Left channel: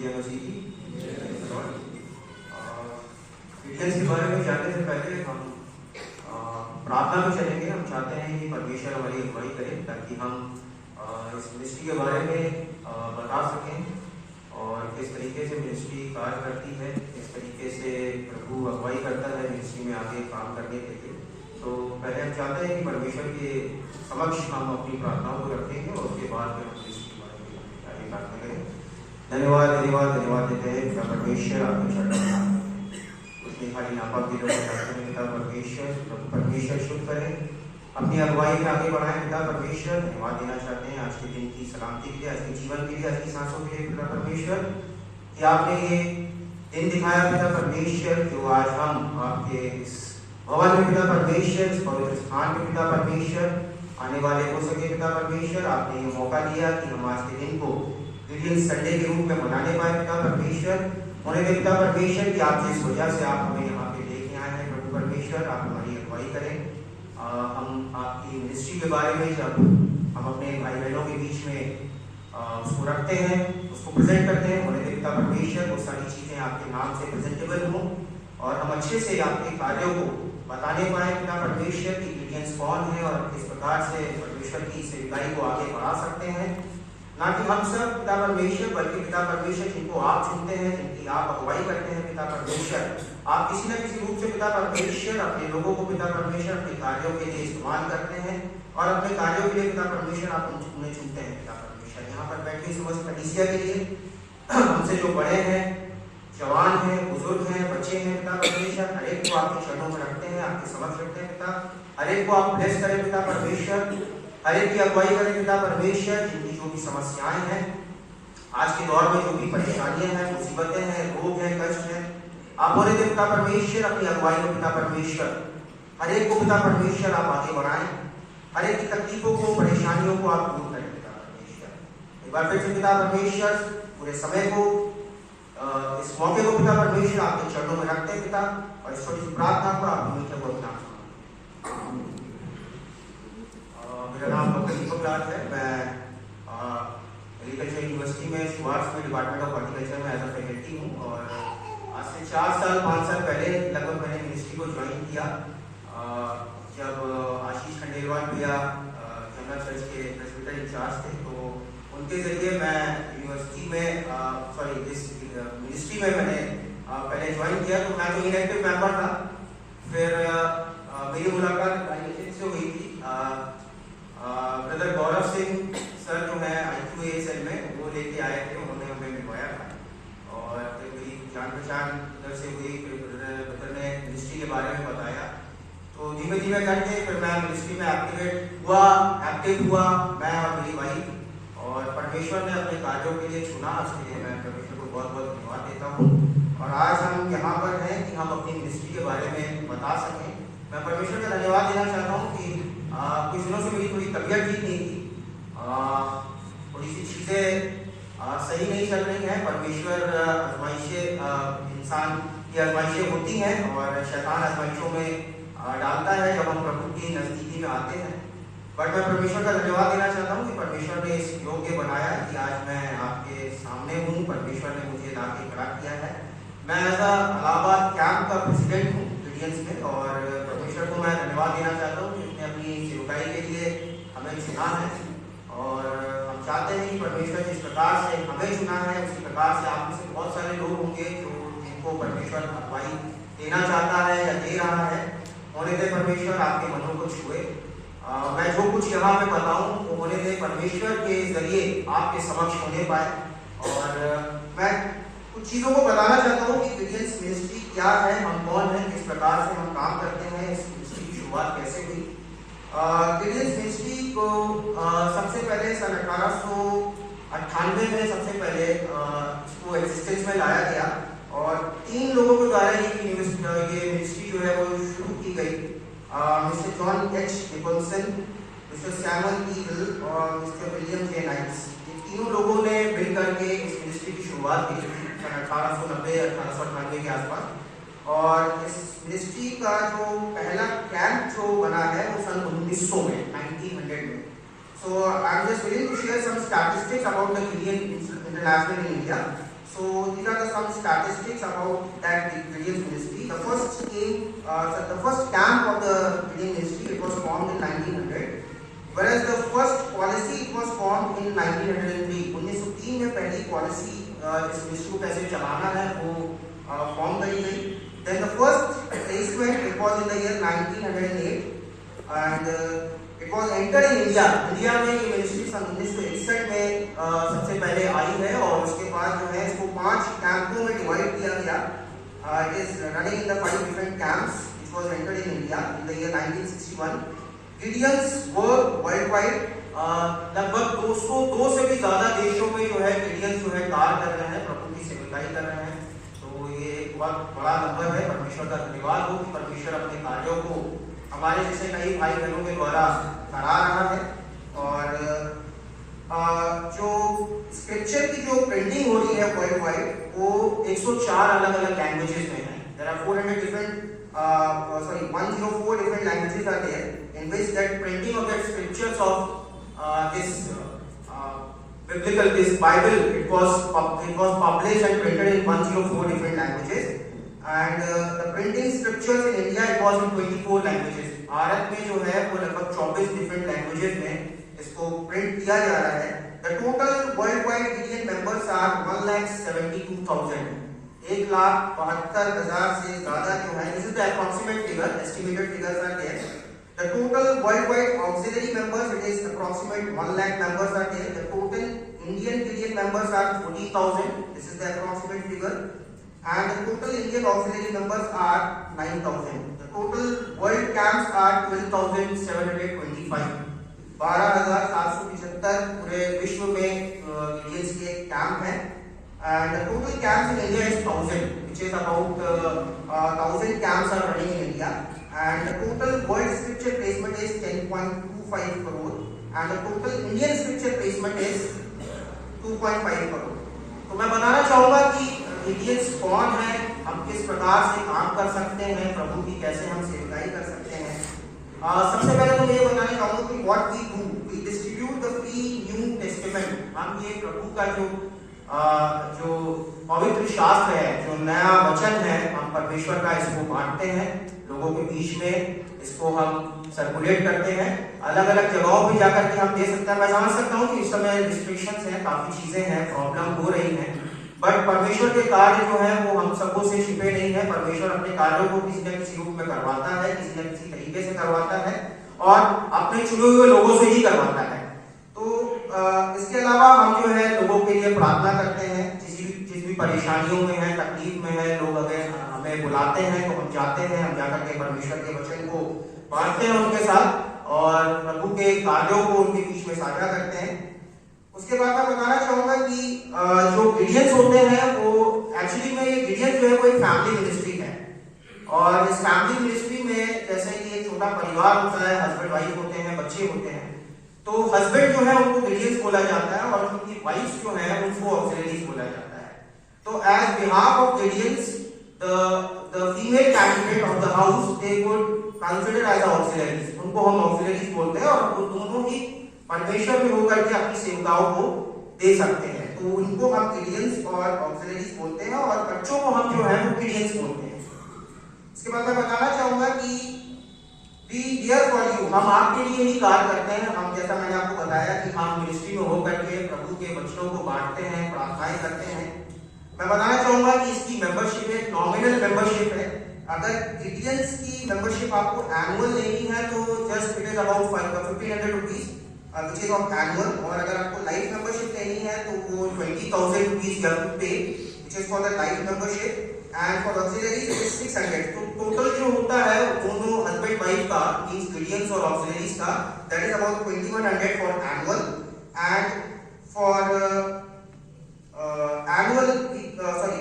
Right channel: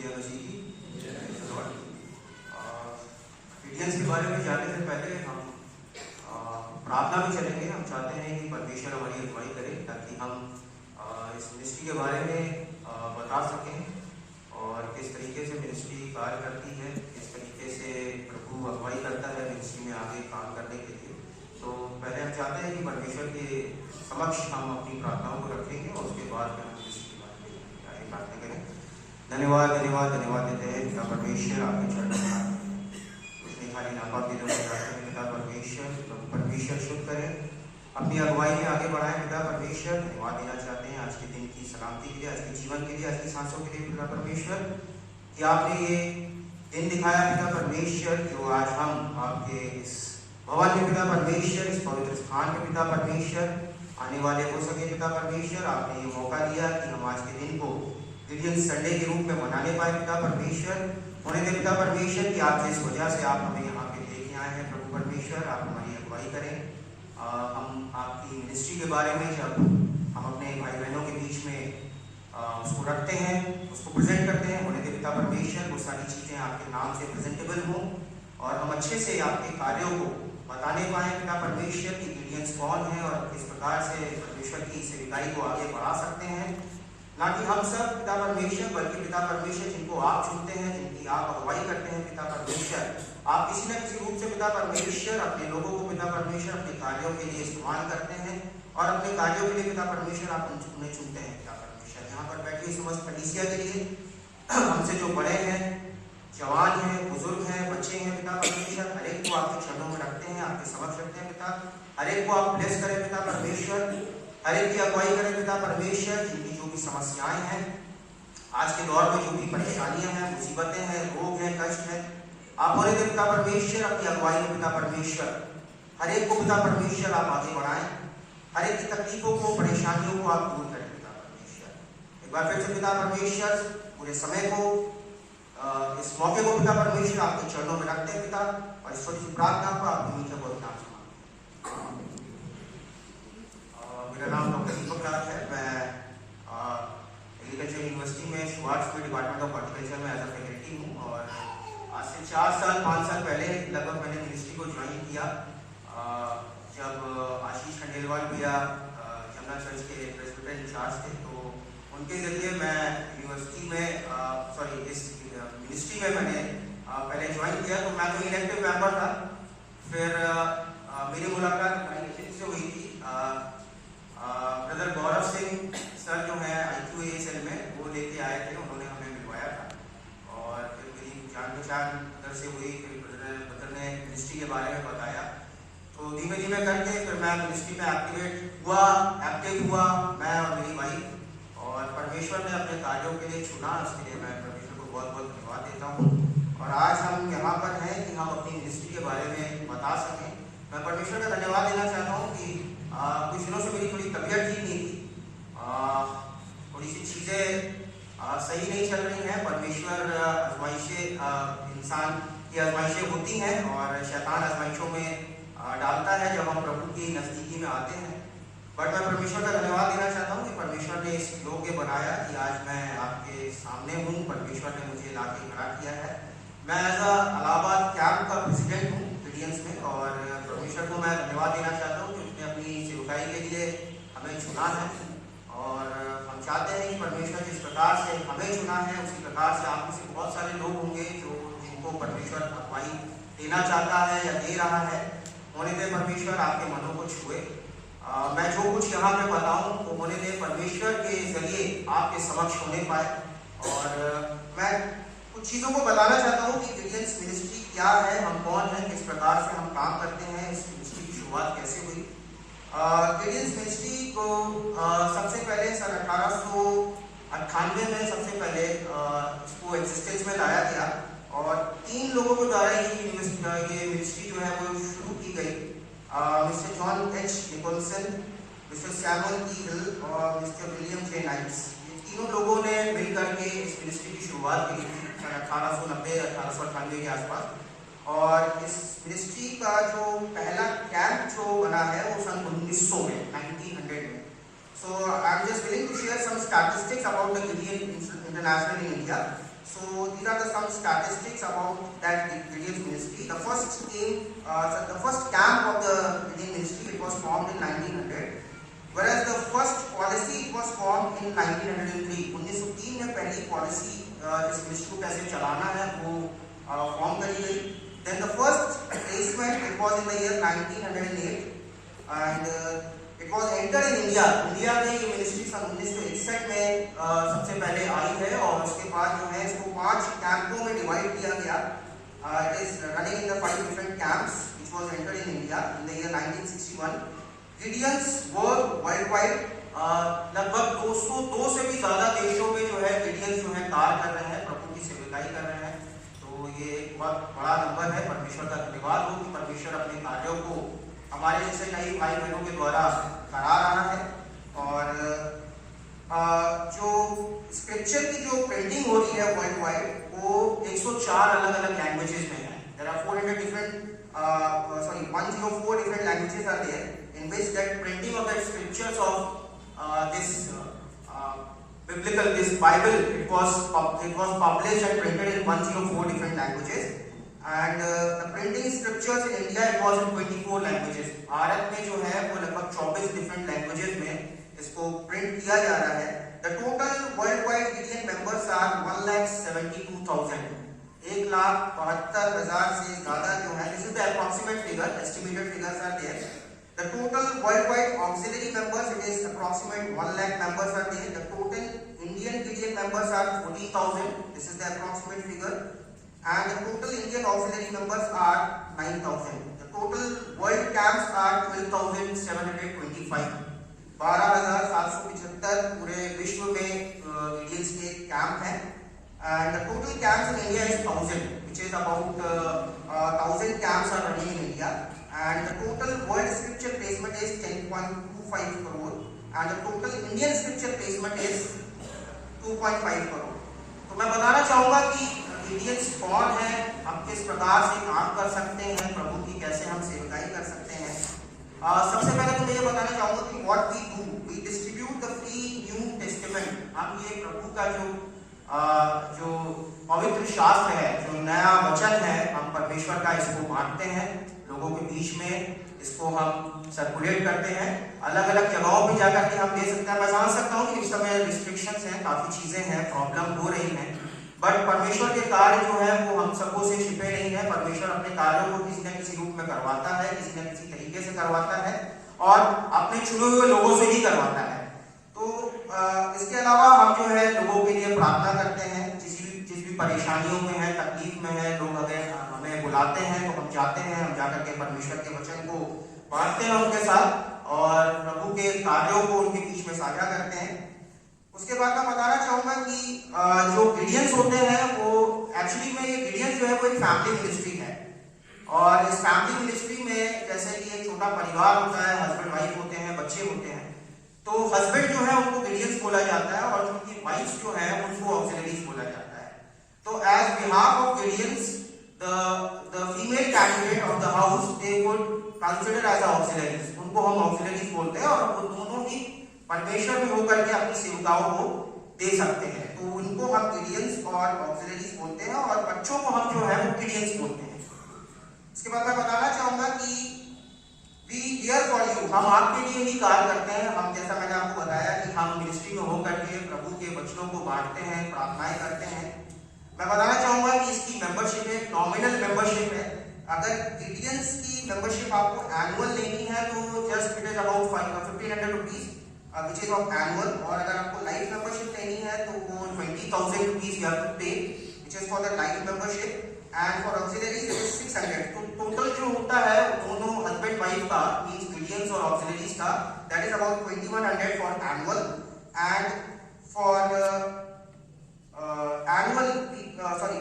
जय मसीह की। क्रिश्चियंस के बारे में जानने से पहले हम प्रार्थना में चलेंगे। हम चाहते हैं कि परमेश्वर हमारी अगुवाई करे ताकि हम इस मिनिस्ट्री के बारे में बता सकें और किस तरीके से मिनिस्ट्री कार्य करती है, किस तरीके से प्रभु अगुवाई करता है मिनिस्ट्री में आगे काम करने के लिए। तो पहले हम चाहते हैं कि परमेश्वर के समक्ष हम अपनी प्रार्थनाओं को रखेंगे और उसके बाद फिर हम मिनिस्ट्री के बारे में आगे प्रार्थना करें। धन्यवाद धन्यवाद धन्यवाद देते हैं पिता परमेश्वर, आपके चरणों में उसमें खाली नापाक दिलों को चाहते हैं पिता परमेश्वर। प्रभु परमेश्वर शुद्ध करें, अपनी अगुवाई में आगे बढ़ाएं पिता परमेश्वर। धन्यवाद देना चाहते हैं आज के दिन की सलामती के लिए, आज के जीवन के लिए, आज की सांसों के लिए पिता परमेश्वर कि आपने ये दिन दिखाया पिता परमेश्वर, जो आज हम आपके इस भवन में पिता परमेश्वर, इस पवित्र स्थान में पिता परमेश्वर आने वाले हो सके पिता परमेश्वर। आपने ये मौका दिया कि हम आज के दिन को क्रिश्चियन संडे के रूप में मनाने पाए पिता परमेश्वर। होने दे पिता परमेश्वर कि आप जिस वजह से आप हमें यहाँ पे लेके आए हैं प्रभु परमेश्वर, आप हमारी अगुवाई करें। हम आपकी मिनिस्ट्री के बारे में जब हम अपने भाई बहनों के बीच में उसको रखते हैं, उसको प्रेजेंट करते हैं, होने दे पिता परमेश्वर वो सारी चीज़ें आपके नाम से प्रेजेंटेबल हों और हम अच्छे से आपके कार्यों को बताने पाए पिता परमेश्वर की क्रिश्चियंस कौन है और किस प्रकार से परमेश्वर की सेवकाई को आगे बढ़ा सकते हैं। ना कि हम सब पिता परमेश्वर, बल्कि पिता परमेश्वर जिनको आप चुनते हैं, जिनकी आप अगुवाई करते हैं पिता परमेश्वर, आप किसी न किसी रूप से पिता परमेश्वर अपने लोगों को पिता परमेश्वर अपने कार्यों के लिए इस्तेमाल करते हैं और अपने कार्यों के लिए पिता परमेश्वर आप उन्हें चुनते हैं पिता परमेश्वर। यहाँ पर बैठी समस्त कलीसिया के लिए हमसे जो बड़े हैं, जवान हैं, बुजुर्ग हैं, बच्चे हैं पिता परमेश्वर, हर एक को आपके चरणों में रखते हैं, आपके समक्ष रखते हैं पिता। हर एक को आप ब्लेस करें पिता परमेश्वर, हर एक की अगुवाई करें पिता परमेश्वर। जिनकी जो भी समस्याएं हैं आज के दौर में, जो भी परेशानियां हैं, मुसीबतें हैं, रोग हैं, कष्ट हैं, आप होने दे पिता परमेश्वर अपनी अगुवाई में पिता परमेश्वर। हर एक को पिता परमेश्वर आप आगे बढ़ाएं, हर एक की तकलीफों को, परेशानियों को आप दूर करें पिता परमेश्वर। एक बार फिर से पिता परमेश्वर पूरे समय को, इस मौके को पिता परमेश्वर आपके चरणों में रखते हैं पिता, और इस छोटी सी प्रार्थना को आप मीठे को नाम सुनाएं। मेरा नाम डॉक्टर दीपक लाल है। मैं एग्रीकल्चर यूनिवर्सिटी में शुभार्थ में डिपार्टमेंट ऑफ हॉर्टिकल्चर में एज अ फैकल्टी हूँ और आज से 4 साल 5 साल पहले लगभग मैंने मिनिस्ट्री को ज्वाइन किया जब आशीष खंडेलवाल भैया जमुना चर्च के प्रेस्बिटर इंचार्ज थे। तो उनके जरिए मैं यूनिवर्सिटी में इस मिनिस्ट्री में मैंने पहले ज्वाइन किया। तो मैं तो इनएक्टिव मेंबर था। फिर मेरी मुलाकात से हुई थी ब्रदर गौरव सिंह सर जो है IQASL में, वो लेके आए थे, उन्होंने हमें मिलवाया था और फिर मेरी जान पहचान उधर से हुई। फिर ब्रदर ने मिनिस्ट्री के बारे में बताया, तो धीमे धीमे करके फिर मैं मिनिस्ट्री में एक्टिव हुआ मैं और मेरी वाइफ, और परमेश्वर ने अपने कार्यों के लिए चुना। उसके लिए मैं परमेश्वर को बहुत बहुत धन्यवाद देता हूँ। और आज हम यहाँ पर हैं कि हम अपनी मिनिस्ट्री के बारे में बता सकें। मैं परमेश्वर का धन्यवाद देना चाहता हूँ कि कुछ दिनों से मेरी थोड़ी तबीयत ठीक नहीं थी, थोड़ी सी चीज़ें सही नहीं चल रही हैं। परमेश्वर आजमाइशें, इंसान की आजमाइशें होती हैं और शैतान आजमाइशों में डालता है जब हम प्रभु की नज़दीकी में आते हैं। बट मैं परमेश्वर का धन्यवाद देना चाहता हूँ कि परमेश्वर ने इस योग्य बनाया कि आज मैं आपके सामने हूँ। परमेश्वर ने मुझे लाके खड़ा किया है। मैं एज इलाहाबाद कैंप का प्रेसिडेंट हूँ क्रिश्चियंस में, और परमेश्वर को मैं धन्यवाद देना चाहता हूँ कि उसने अपनी सेवकाई के लिए हमें चुना है। और हम चाहते हैं कि परमेश्वर जिस प्रकार से हमें चुना है, उसी प्रकार से आप में से बहुत सारे लोग होंगे जिनको परमेश्वर अगुवाई देना चाहता है या दे रहा है। होने दे परमेश्वर आपके मनों को छुए। मैं जो कुछ यहाँ पे बताऊँ वो होने दे परमेश्वर के जरिए आपके समक्ष होने पाए। और मैं कुछ चीज़ों को बताना चाहता हूँ कि क्रिश्चियंस मिनिस्ट्री क्या है, हम कौन हैं, किस प्रकार से हम काम करते हैं, इस मिनिस्ट्री की शुरुआत कैसे हुई। क्रिश्चियंस मिनिस्ट्री को सबसे पहले सन 1898 में सबसे पहले इसको एग्जिस्टेंस में लाया गया और 3 लोगों के द्वारा ये मिनिस्ट्री जो है वो शुरू की गई। Mister John H Nicholson, mister Samuel E Hill और मिस्टर विलियम जे नाइट्स, ये तीनों लोगों ने मिलकर के इस मिनिस्ट्री की शुरुआत की थी सन 1890-1898 के आसपास। और इस मिनिस्ट्री का जो पहला कैंप जो बना है वो सन 1900 में 1900 में। So I am just willing to share some statistics about the Christian international in India. So these are some statistics about that Gideon's ministry. The first camp of the Gideon ministry, it was formed in 1900, whereas the first policy it was formed in 1903. 1903 में पहली policy इस ministry को कैसे चलाना है वो form करी गई. Then the first placement it was in the year 1908 and it was entered in India. India में ये मिनिस्ट्री सन 1961 में सबसे पहले आई है और उसके बाद जो है इसको 5 कैंपों में डिवाइड किया गया. It is running in the 5 different camps which was entered in India in the year 1961. Gideons work worldwide. लगभग 202 से भी ज्यादा देशों में जो है गिडियंस जो है कार्य कर रहे हैं, प्रभु की सेवकाई कर रहे हैं. तो ये एक बहुत बड़ा नंबर है. परमेश्वर का धन्यवाद हो कि परमेश्वर अपने कार्यों को हमारे जैसे कई भाई बहनों के द्वारा करा रहा है. और जो स्क्रिप्चर की जो प्रिंटिंग हो रही है वर्ल्ड वाइड वो 104 अलग अलग लैंग्वेजेस में है. There are 104 different languages are there in which that printing of the scriptures of this Bible it was published and printed in 104 different languages. And the printing scriptures in India it was in 24 languages. Bharat में जो है वो लगभग 24 different languages में इसको print किया जा रहा है. The total worldwide Gideon members are 1,72,000. 1,72,000 से ज्यादा जो है. This is the approximate figure. Estimated figures are there. The total worldwide auxiliary members it is approximate 1 lakh members are there. The total Indian Gideon members are 40,000. This is the approximate figure. And the total Indian auxiliary members are 9,000. The total world camps are 12,725. 12,775 पूरे विश्व में गिडियंस के camp हैं. And the total camps in India is 1,000, which is about 1,000 camps are running in India. And the total world scripture placement is 10.25 crore. And the total Indian scripture placement is 2.5 crore. तो मैं बताना चाहूंगा कि गिडियंस कौन है, हम किस प्रकार से काम कर सकते हैं, प्रभु की कैसे हम सेवकाई कर सकते हैं. सबसे पहले तो मैं ये बताना चाहूंगा कि what we do, we distribute the free New Testament. हम ये प्रभु का जो पवित्र शास्त्र है, जो नया वचन है, हम परमेश्वर का इसको बांटते हैं लोगों के बीच में. इसको हम सर्कुलेट करते हैं अलग अलग जगहों पे जाकर के हम दे सकते हैं. मैं समझ सकता हूँ कि इस समय रिस्ट्रिक्शंस हैं, काफी चीजें हैं, प्रॉब्लम हो रही हैं, बट परमेश्वर के कार्य जो है वो हम सबको से छिपे नहीं है. परमेश्वर अपने कार्यों को किसी न किसी रूप में करवाता है, किसी न किसी तरीके से करवाता है और अपने चुने हुए लोगों से ही करवाता है. तो इसके अलावा हम जो है लोगों के लिए प्रार्थना करते हैं, जिस भी परेशानियों में है, तकलीफ में है. लोग अगर हमें बुलाते हैं तो हम जाते हैं, हम जाकर के परमेश्वर के वचन को बांटते हैं उनके साथ और प्रभु के कार्यों को उनके बीच में साझा करते हैं. उसके बाद मैं बताना चाहूंगा कि जो गिडियंस होते हैं वो एक्चुअली में ये गिडियंस जो है वो एक फैमिली मिनिस्ट्री है. और इस फैमिली मिनिस्ट्री में जैसे कि एक छोटा परिवार होता है, हस्बैंड वाइफ होते हैं, बच्चे होते हैं. तो हस्बैंड जो है उनको गिडियंस बोला जाता है और उनकी वाइफ जो है उनको ऑक्सिलरीज बोला जाता है. तो as behalf of Gideons the female candidate of the house they would consider as auxiliaries. उनको हम ऑक्सिलरीज बोलते हैं और वो दोनों ही परमेश्वर में होकर के अपनी सेवकाओं को दे सकते हैं. तो उनको हम गिडियंस और ऑक्सिलरीज बोलते हैं और बच्चों को हम जो है वो गिडियंस बोलते हैं. इसके बाद मैं बताना चाहूंगा कि वी हियर फॉर यू, हम आपके लिए ही कार्य करते हैं. हम जैसा मैंने आपको बताया कि हम मिनिस्ट्री में होकर के प्रभु के वचनों को बांटते हैं, प्रार्थनाएं करते हैं. मैं बताना चाहूंगा कि इसकी मेंबरशिप है, नॉमिनल मेंबरशिप है. अगर गिडियंस की मेंबरशिप आपको एनुअल लेनी है तो just it is about 1,500 rupees which is of annual. और अगर आपको लाइफ मेंबरशिप लेनी है तो वो 20,000 rupees you have to pay which is for the life membership. And for auxiliaries it is 600. तो टोटल जो होता है दोनों हस्बैंड वाइफ का, मींस गिडियंस और ऑक्सिलरीज का, that is about 2,100 for annual. And for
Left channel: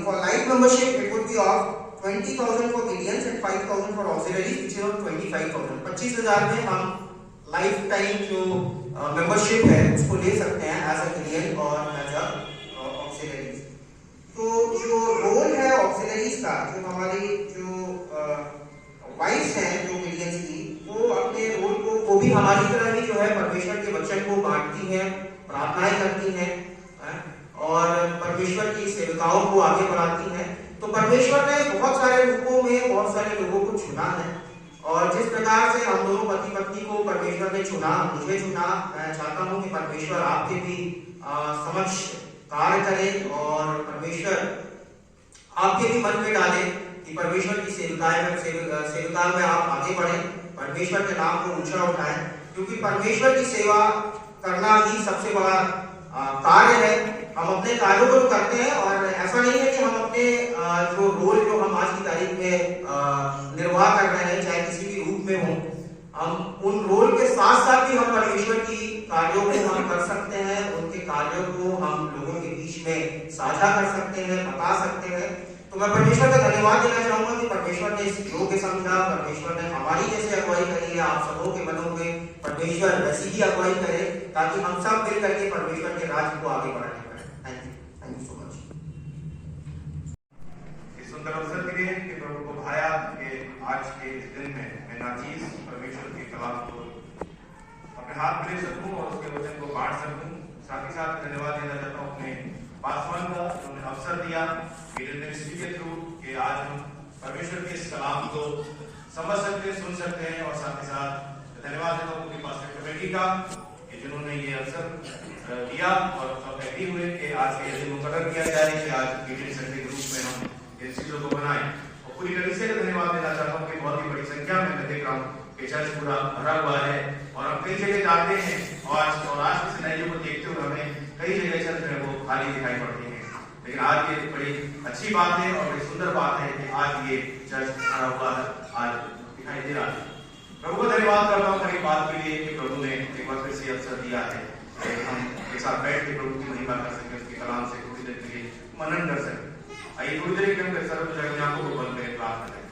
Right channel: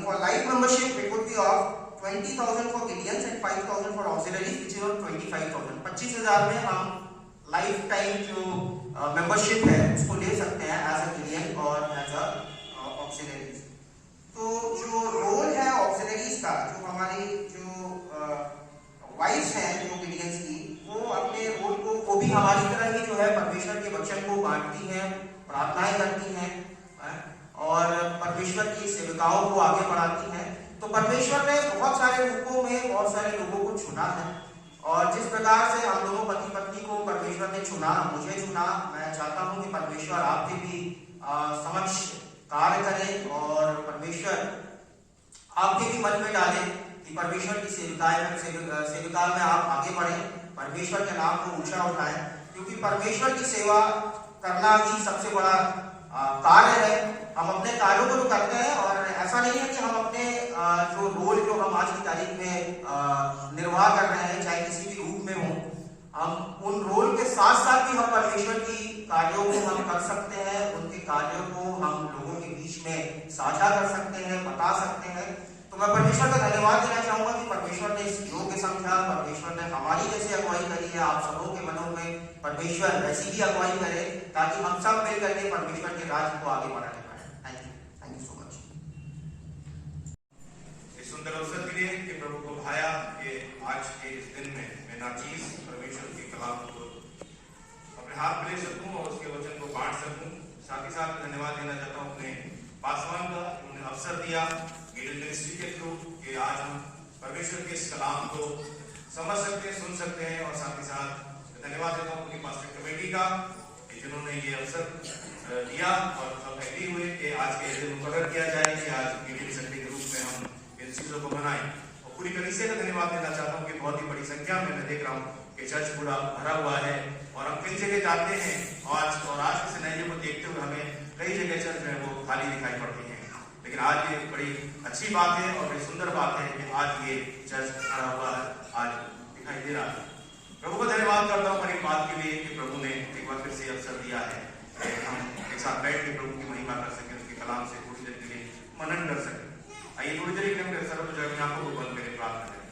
for life membership it would be of 20,000 for Gideons and 5,000 for auxiliaries, which is around 25,000. 25,000 में हम लाइफ टाइम जो मेंबरशिप है उसको ले सकते हैं एज अ गिडियन और एज अ ऑक्सिलरीज. तो जो रोल है ऑक्सिलरीज का, जो हमारी जो वाइफ्स हैं जो गिडियंस की, वो अपने रोल को वो भी हमारी तरह ही जो है परमेश्वर के वचन को बांटती हैं, प्रार्थनाएं करती हैं और परमेश्वर की सेविकाओं को आगे बढ़ाती हैं। तो परमेश्वर ने बहुत सारे रूपों में बहुत सारे लोगों को चुना है, और जिस प्रकार से हम दोनों पति पत्नी को परमेश्वर ने चुना, मुझे चुना, मैं चाहता हूं कि परमेश्वर आपके भी समक्ष कार्य करे और परमेश्वर आपके भी मन में डाले कि परमेश्वर की सेविका में आप आगे बढ़ें, परमेश्वर के नाम को ऊंचा उठाएं, क्योंकि परमेश्वर की सेवा करना ही सबसे बड़ा कार्य है। हम अपने कार्यों को करते हैं, और ऐसा नहीं है कि हम अपने जो रोल जो हम आज की तारीख में निर्वाह कर रहे हैं, चाहे किसी भी रूप में हो, हम उन रोल के साथ साथ भी हम परमेश्वर की कार्यों को हम कर सकते हैं, उनके कार्यों को हम लोगों के बीच में साझा कर सकते हैं, बता सकते हैं। तो मैं परमेश्वर का धन्यवाद देना चाहूंगा कि परमेश्वर ने इस योग्य समझा, परमेश्वर ने हमारी जैसे अगुवाई करी है, आप सबों के मनों में परमेश्वर वैसी ही अगुवाई करे, ताकि हम सब मिल करके परमेश्वर के राज्य को आगे बढ़ाने पाए। Thank you so much. इस सुंदर अवसर के लिए कि प्रभु को भाया कि आज के इस दिन में मैं नाचीज परमेश्वर के कलाम को अपने हाथ में ले सकूं और उसके वचन को बांट सकूं। साथ ही साथ धन्यवाद देना चाहता हूं अपने पासवान का, उन्होंने अवसर दिया मीडिया मिनिस्ट्री के थ्रू कि आज हम परमेश्वर के इस कलाम को समझ सकते हैं, सुन सकते हैं। और साथ ही साथ धन्यवाद देता हूँ पूरी पास्टर कमेटी का कि जिन्होंने ये अवसर दिया और सब एग्री हुए कि आज के दिन मुकर्रर किया जाए कि आज मीडिया संडे के रूप में हम इन चीजों को बनाएं। और पूरी कलीसिया का धन्यवाद देना चाहता हूँ कि बहुत ही बड़ी संख्या में मैं देख रहा हूँ कि चर्च पूरा भरा हुआ है, और हम कई जगह जाते हैं और आज के सिनेरियो को देखते हुए हमें कई जगह चर्च है वो खाली दिखाई पड़ती है। लेकिन आज ये बड़ी अच्छी बात है और बड़ी सुंदर बात है कि आज ये चर्च भरा हुआ है, आज दिखाई दे रहा है। प्रभु को धन्यवाद करता हूँ हर एक बात के लिए कि प्रभु ने एक बार फिर से अवसर दिया है कि हम एक साथ बैठ के प्रभु की महिमा कर सके, उसके कलाम से थोड़ी देर के लिए मनन कर सके। आइए थोड़ी देर एकदम सर्व जो है आंखों को बंद करके प्रार्थना करें।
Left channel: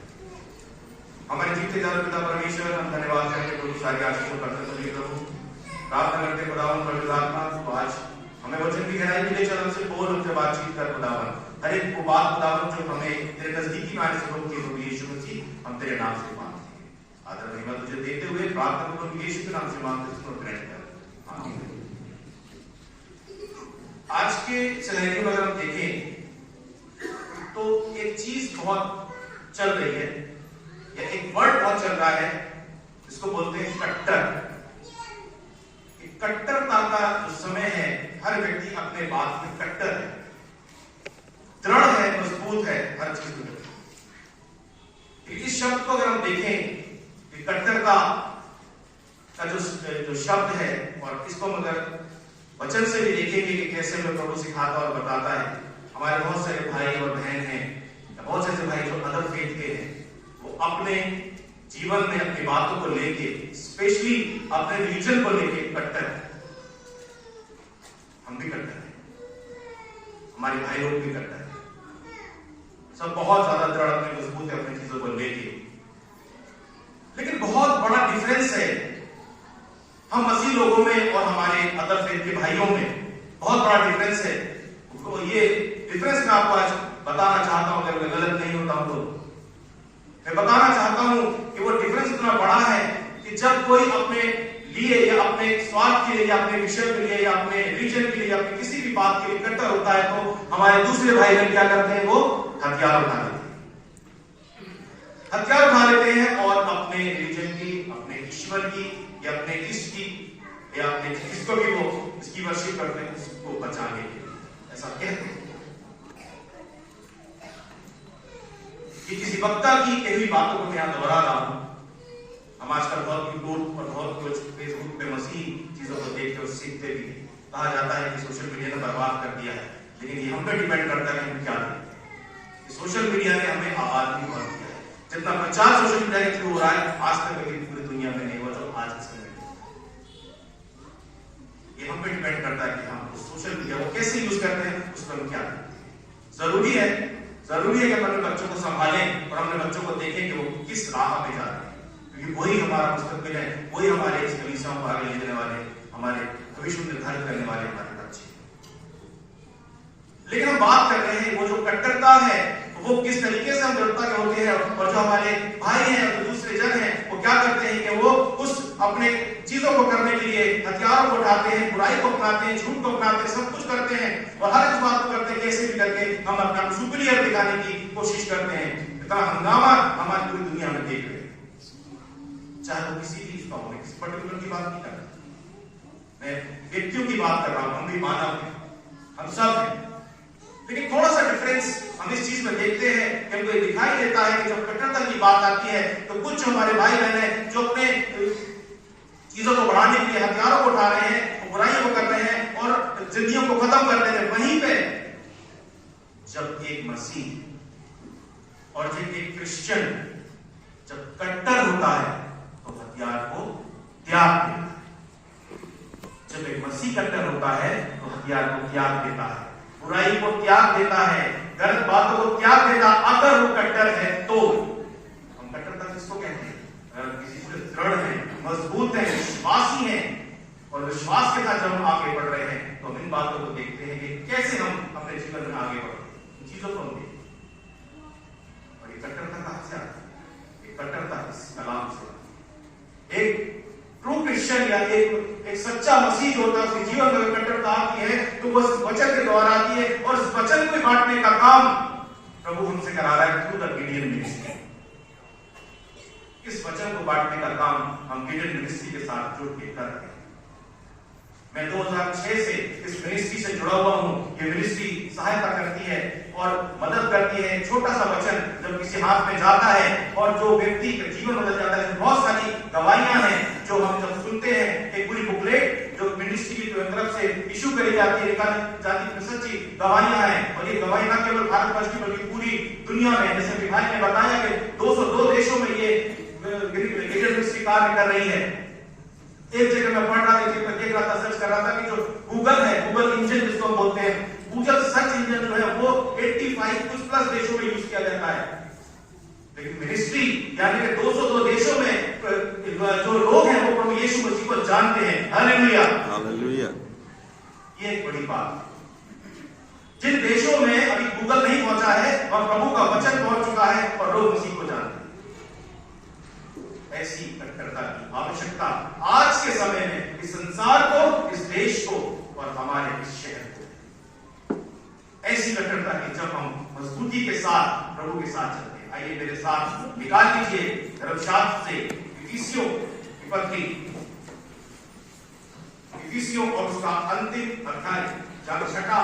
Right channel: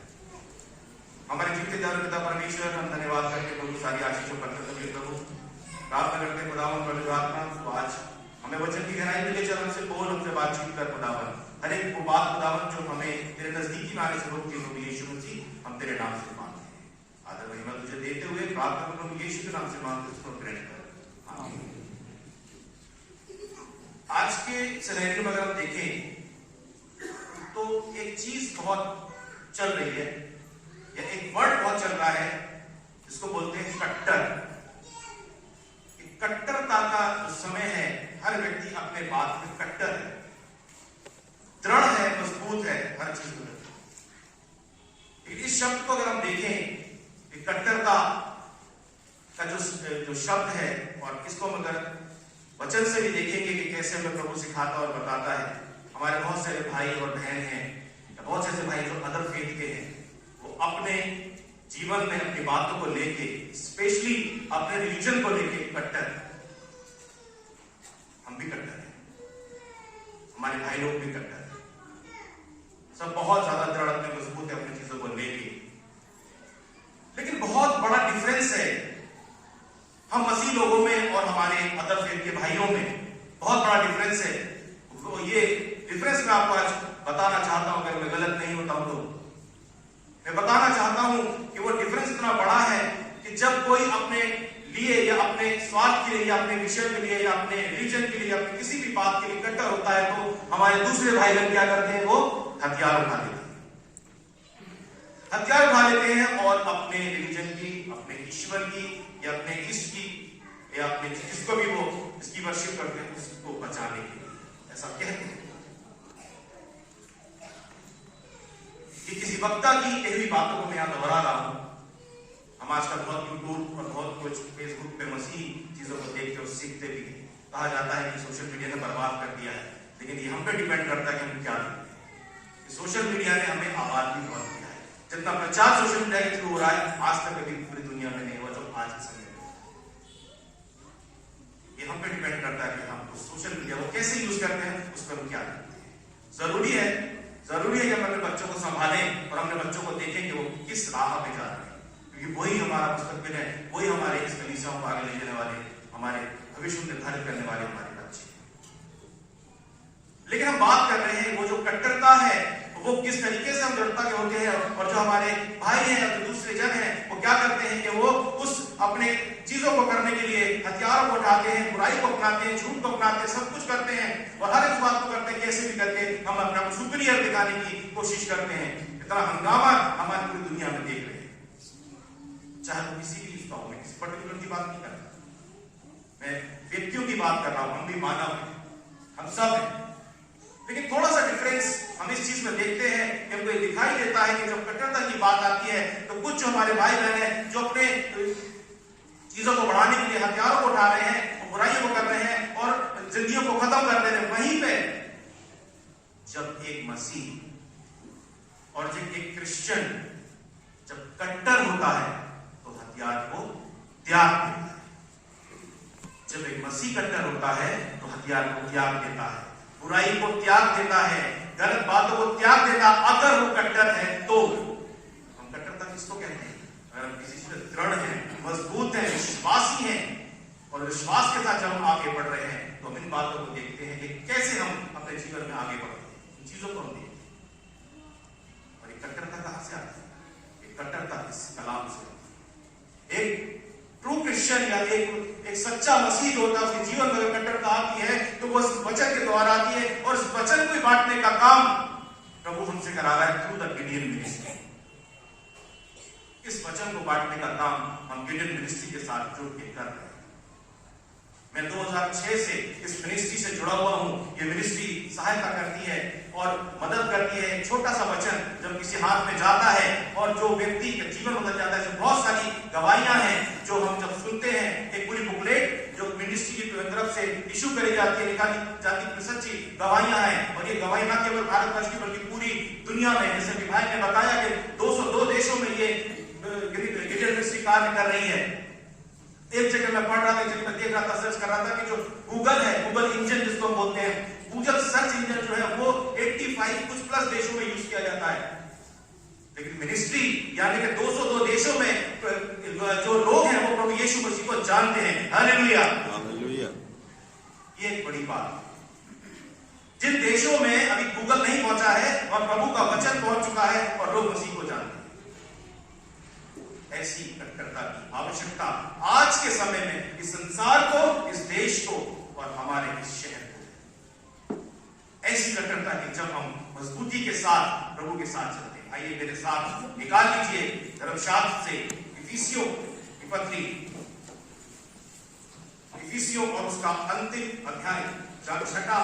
हमारे जीते जाने पिता परमेश्वर, हम धन्यवाद करके प्रभु सारी आशीष को करते चलिए प्रभु, प्रार्थना करते खुदावन पवित्र आत्मा तो आज हमें वचन की गहराई में ले चल, हमसे बोल, हमसे बातचीत कर खुदावन, हर एक वो बात खुदावन जो हमें तेरे नजदीकी में आने से रोकती है, यीशु मसीह हम तेरे नाम से मांगते हैं। आदर महिमा तुझे देते हुए प्रार्थना को प्रभु यीशु के नाम से मांगते हैं, उसको ग्रहण कर आमीन। आज के सिनेरियो में अगर हम देखें तो एक चीज बहुत चल रही है, या एक वर्ड बहुत चल रहा है, जिसको बोलते हैं कट्टर। कट्टरता का जो समय है, हर व्यक्ति अपने बात में कट्टर है, दृढ़ है, मजबूत है हर चीज में। इस शब्द को अगर हम देखें, कट्टरता का जो शब्द है, और इसको हम अगर वचन से भी देखेंगे कि कैसे हमें प्रभु सिखाता और बताता है। हमारे बहुत सारे भाई और बहन हैं, या बहुत से ऐसे भाई जो अदर फेथ के हैं, वो अपने जीवन में अपनी बातों को लेके, स्पेशली अपने रिलीजन को लेके कट्टर है। हम भी कट्टर हैं, हमारे भाई लोग भी कट्टर हैं, सब बहुत ज्यादा दृढ़ अपने मजबूत है अपनी चीजों को लेके। लेकिन बहुत बड़ा डिफरेंस है हम मसीह लोगों में और हमारे अदर फेथ के भाइयों में, बहुत बड़ा डिफरेंस है। तो ये डिफरेंस मैं आपको आज बताना चाहता हूं, अगर मैं गलत नहीं होता हूं तो मैं बताना चाहता हूं कि वो डिफरेंस इतना बड़ा है कि जब कोई अपने लिए या अपने स्वार्थ के लिए या अपने विषय के लिए या अपने रिलीजन के लिए या अपनी किसी भी बात के लिए कट्टर होता है, तो हमारे दूसरे भाई बहन क्या करते हैं, वो हथियार उठा लेते हैं, हथियार उठा लेते हैं और अपने रिलीजन की, अपने ईश्वर की या अपने इष्ट की या अपने जिसको भी वो इसकी वर्शिप करते हैं उसको बचाने के लिए ऐसा कहते हैं। कि किसी वक्ता की कई बातों को मैं यहां दोहरा रहा हूं। हम आजकल बहुत यूट्यूब और बहुत कुछ फेसबुक पे मसीह चीजों को देखते और सीखते भी हैं। कहा जाता है कि सोशल मीडिया ने बर्बाद कर दिया है, लेकिन ये हम पे डिपेंड करता है कि हम क्या देखते हैं। सोशल मीडिया ने हमें आबाद भी बहुत किया है, जितना प्रचार सोशल मीडिया के थ्रू हो रहा है आज तक कभी पूरी दुनिया में नहीं हुआ जो आज के समय में। ये हम पे डिपेंड करता है कि हम सोशल मीडिया को कैसे यूज करते हैं, उस पर हम क्या करते हैं। जरूरी है कि हम अपने बच्चों को संभालें और अपने बच्चों को देखें कि वो किस राह पे जा रहे हैं, क्योंकि वही हमारा मुस्तकबिल है, वही हमारे इस कलीसियाओं को आगे ले जाने वाले, हमारे भविष्य निर्धारित करने वाले हमारे बच्चे। लेकिन हम बात कर रहे हैं वो जो कट्टरता है वो किस तरीके से हम दृढ़ता के होते हैं, और जो हमारे भाई हैं और दूसरे जन हैं वो क्या करते हैं कि वो उस अपने चीजों को करने के लिए हथियारों को उठाते हैं, बुराई को अपनाते हैं, झूठ को अपनाते हैं, सब कुछ करते हैं और हर एक बात को करते हैं कैसे भी करके हम अपने आप सुपीरियर दिखाने की कोशिश करते हैं। इतना हंगामा हमारी पूरी दुनिया में देख रहे हैं, चाहे वो किसी भी इसका हो, किसी पर्टिकुलर की बात नहीं कर रहा, मैं व्यक्तियों की बात कर रहा हूं। हम भी मानव हैं, हम सब हैं, लेकिन थोड़ा सा डिफरेंस हम इस चीज में देखते हैं कि हमको ये दिखाई देता है कि जब कट्टरता की बात आती है तो कुछ हमारे भाई बहन हैं जो अपने चीजों को बढ़ाने के लिए हथियारों को उठा रहे हैं, बुराइयों को कर रहे हैं और जिंदगियों को खत्म कर दे रहे हैं। वहीं पे जब एक मसीह और जब एक क्रिश्चियन जब कट्टर होता है तो हथियार को त्याग देता है। जब एक मसीह कट्टर होता है तो हथियार को त्याग देता है, बुराई को त्याग देता है, गलत बातों को त्याग देता। अगर वो कट्टर है तो हम कट्टरता किसको कहते हैं? किसी से दृढ़ है, मजबूत है, विश्वासी है, और विश्वास के साथ जब हम आगे बढ़ रहे हैं तो हम इन बातों को देखते हैं कि कैसे हम अपने जीवन में आगे बढ़ते हैं, इन चीजों को हम देखते हैं। और ये कट्टरता कहां से आती है? ये कट्टरता इस कलाम से। एक ट्रू क्रिश्चियन या एक सच्चा मसीह जो होता है उसके जीवन में कट्टरता आती है तो वो इस वचन के द्वारा आती है और इस वचन को बांटने का काम प्रभु हमसे करा रहा है थ्रू द गिडियन मिनिस्ट्री। इस वचन को बांटने का काम हम गिडियन मिनिस्ट्री के साथ जुड़ के कर रहे हैं। मैं 2006 से इस मिनिस्ट्री से जुड़ा हुआ हूं। ये मिनिस्ट्री सहायता करती है और मदद करती है। छोटा सा वचन जब किसी हाथ में जाता है और जो व्यक्ति का जीवन बदल जाता है, बहुत सारी गवाहियां हैं जो हम जब सुनते हैं। एक पूरी बुकलेट जो मिनिस्ट्री की तरफ से इशू करी जाती है, निकाली जाती है, सच्ची गवाहियां हैं। और ये गवाही न केवल भारतवर्ष की बल्कि पूरी दुनिया में, जैसे कि भाई ने बताया कि 202 देशों में ये गिडियन मिनिस्ट्री कार्य कर रही है। एक जगह मैं पढ़ रहा था, एक जगह मैं देख रहा था, सर्च कर रहा था कि जो गूगल है, गूगल इंजन जिसको हम बोलते हैं, गूगल सर्च इंजन जो है वो 85 कुछ प्लस देशों में यूज किया जाता है। लेकिन मिनिस्ट्री यानी कि 202 देशों में जो लोग हैं वो प्रभु यीशु मसीह को जानते हैं। Hallelujah, hallelujah. ये एक बड़ी बात है। जिन देशों में अभी गूगल नहीं पहुंचा है वहां प्रभु का वचन पहुंच चुका है और लोग मसीह को जानते हैं। ऐसी कट्टरता की आवश्यकता आज के समय में इस संसार को, इस देश को और हमारे इस शहर को। ऐसी कट्टरता की जब हम मजबूती के साथ प्रभु के साथ चलते हैं। आइए मेरे साथ निकाल लीजिए धर्मशास्त्र से इफिसियों की पत्री, इफिसियों और उसका अंतिम अध्याय, जहां छठा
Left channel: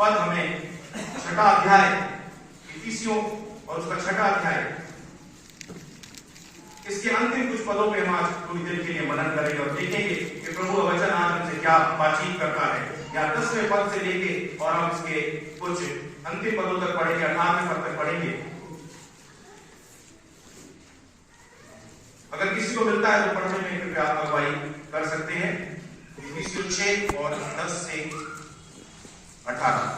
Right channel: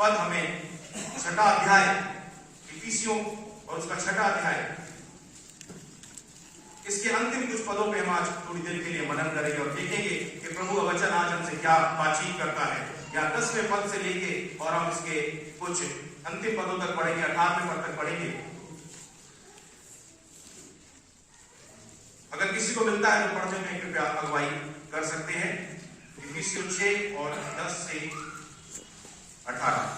पद हमें, छठा अध्याय इफिसियों और उसका छठा अध्याय, इसके अंतिम कुछ पदों पे हम आज थोड़ी देर के लिए मनन करेंगे और देखेंगे कि प्रभु का वचन आज हमसे क्या बातचीत करता है। या 10वें पद से लेके और हम इसके कुछ अंतिम पदों तक पढ़ेंगे, 18वें पद तक पढ़ेंगे। अगर किसी को मिलता है तो पढ़ने में कृपया अगुवाई कर सकते हैं। इफिसियों 6 और 10 से 18।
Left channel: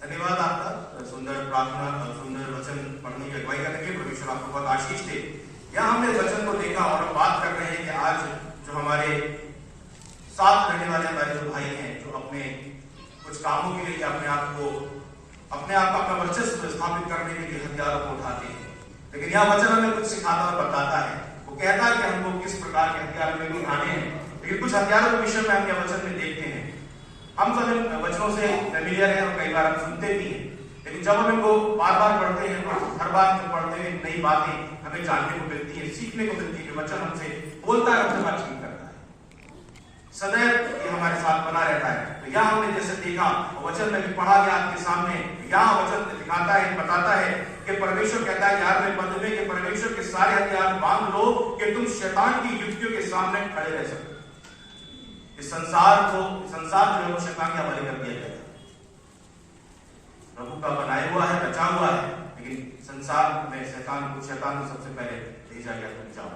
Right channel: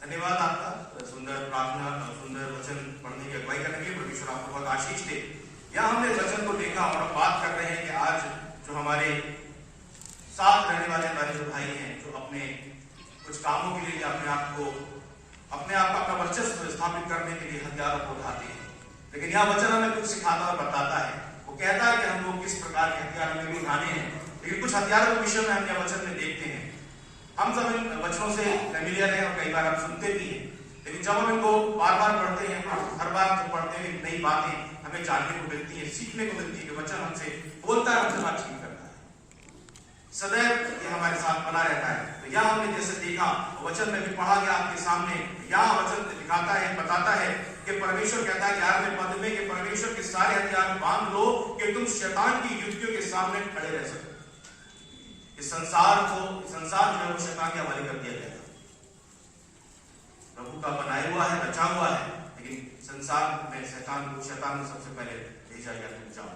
धन्यवाद आपका, सुंदर प्रार्थना, सुंदर वचन पढ़ने की अगुवाई करने के। परमेश्वर आपको बहुत आशीष दे। यहाँ हमने वचन को देखा और अब बात कर रहे हैं कि आज जो हमारे साथ रहने वाले हमारे जो भाई हैं, जो अपने कुछ कामों के लिए अपने आप का अपना वर्चस्व स्थापित करने के लिए हथियारों को उठाते हैं, लेकिन यह वचन हमें कुछ सिखाता और बताता है। वो कहता है कि हमको किस प्रकार के हथियार हमें भी उठाने हैं, लेकिन कुछ हथियारों के विषय में हम यह वचन में देखते हैं। हम सब इन वचनों से फेमिलियर हैं और कई बार हम सुनते भी हैं, लेकिन जब हम इनको बार बार पढ़ते हैं तो हर बार जब पढ़ते हैं नई बातें हमें जानने को मिलती है, सीखने को मिलती है कि वचन हमसे बोलता है, हमसे बातचीत करता है, सदैव ये हमारे साथ बना रहता है। तो यह हमने जैसे देखा वचन में भी पढ़ा गया आपके सामने, यह वचन दिखाता है, बताता है कि परमेश्वर कहता है 11वें पद में कि परमेश्वर के सारे हथियार बांध लो कि तुम शैतान की युक्तियों के सामने खड़े रह सको। इस संसार जो है वो शैतान के हवाले कर दिया गया था, प्रभु का बनाया हुआ है, रचा हुआ है, लेकिन संसार में शैतान को सबसे पहले भेजा गया, तुम जाओ।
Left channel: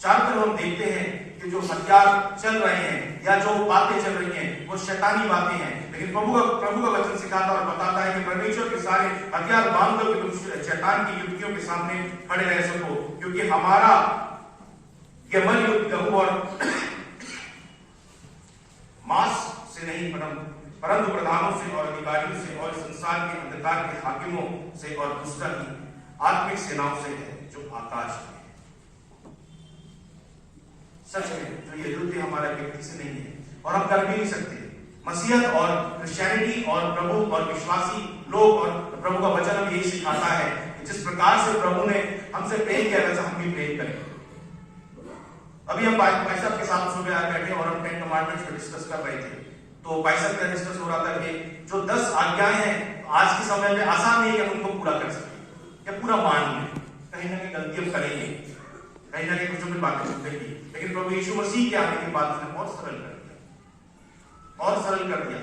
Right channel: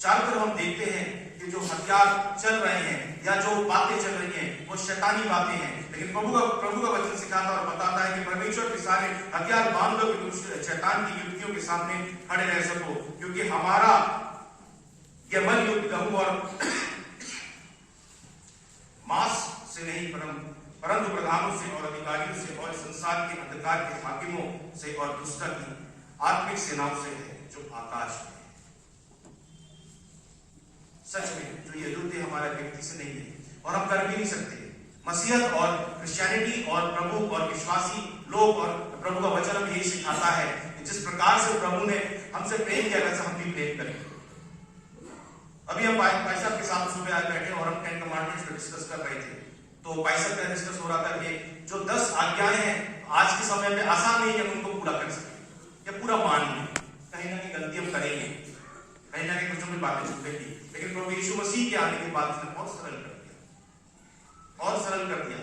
चारों तरफ हम देखते हैं कि जो हथियार चल रहे हैं या जो बातें चल रही हैं वो शैतानी बातें हैं, लेकिन प्रभु का वचन सिखाता और बताता है कि परमेश्वर के सारे हथियार बांध लो कि तुम शैतान की युक्तियों के सामने खड़े रह सको, क्योंकि हमारा यह मन युद्ध लहू और मांस से नहीं परंतु प्रधानों से और अधिकारियों से और संसार के अंधकार के हाकिमों से और दुष्ट की आत्मिक सेनाओं से है जो आकाश में। सच में जो ये युद्ध हमारा व्यक्ति से नहीं है और हम कर भी नहीं सकते। मसीहत और क्रिश्चियनिटी और प्रभु और विश्वासी लोग और प्रभु का वचन हमें यही सिखाता है कि जिस प्रकार से प्रभु ने हमसे प्रेम किया वैसा हम भी प्रेम करें। अभी हम भाई साहब के साथ सुबह आए बैठे और हम 10 कमांडमेंट्स पे डिस्कस कर रहे थे, तो भाई साहब का डिस्कस हो रहा था कि जो 10 आज्ञाएं हैं आज के समय में आसान नहीं है कि उनको पूरा कर सके या पूरा मान लें, कहीं ना कहीं गलती हम करेंगे, कहीं ना कहीं कुछ भी बातें सुनेंगी, लेकिन प्रभु यीशु मसीह के आने के बाद उसने और सरल कर दिया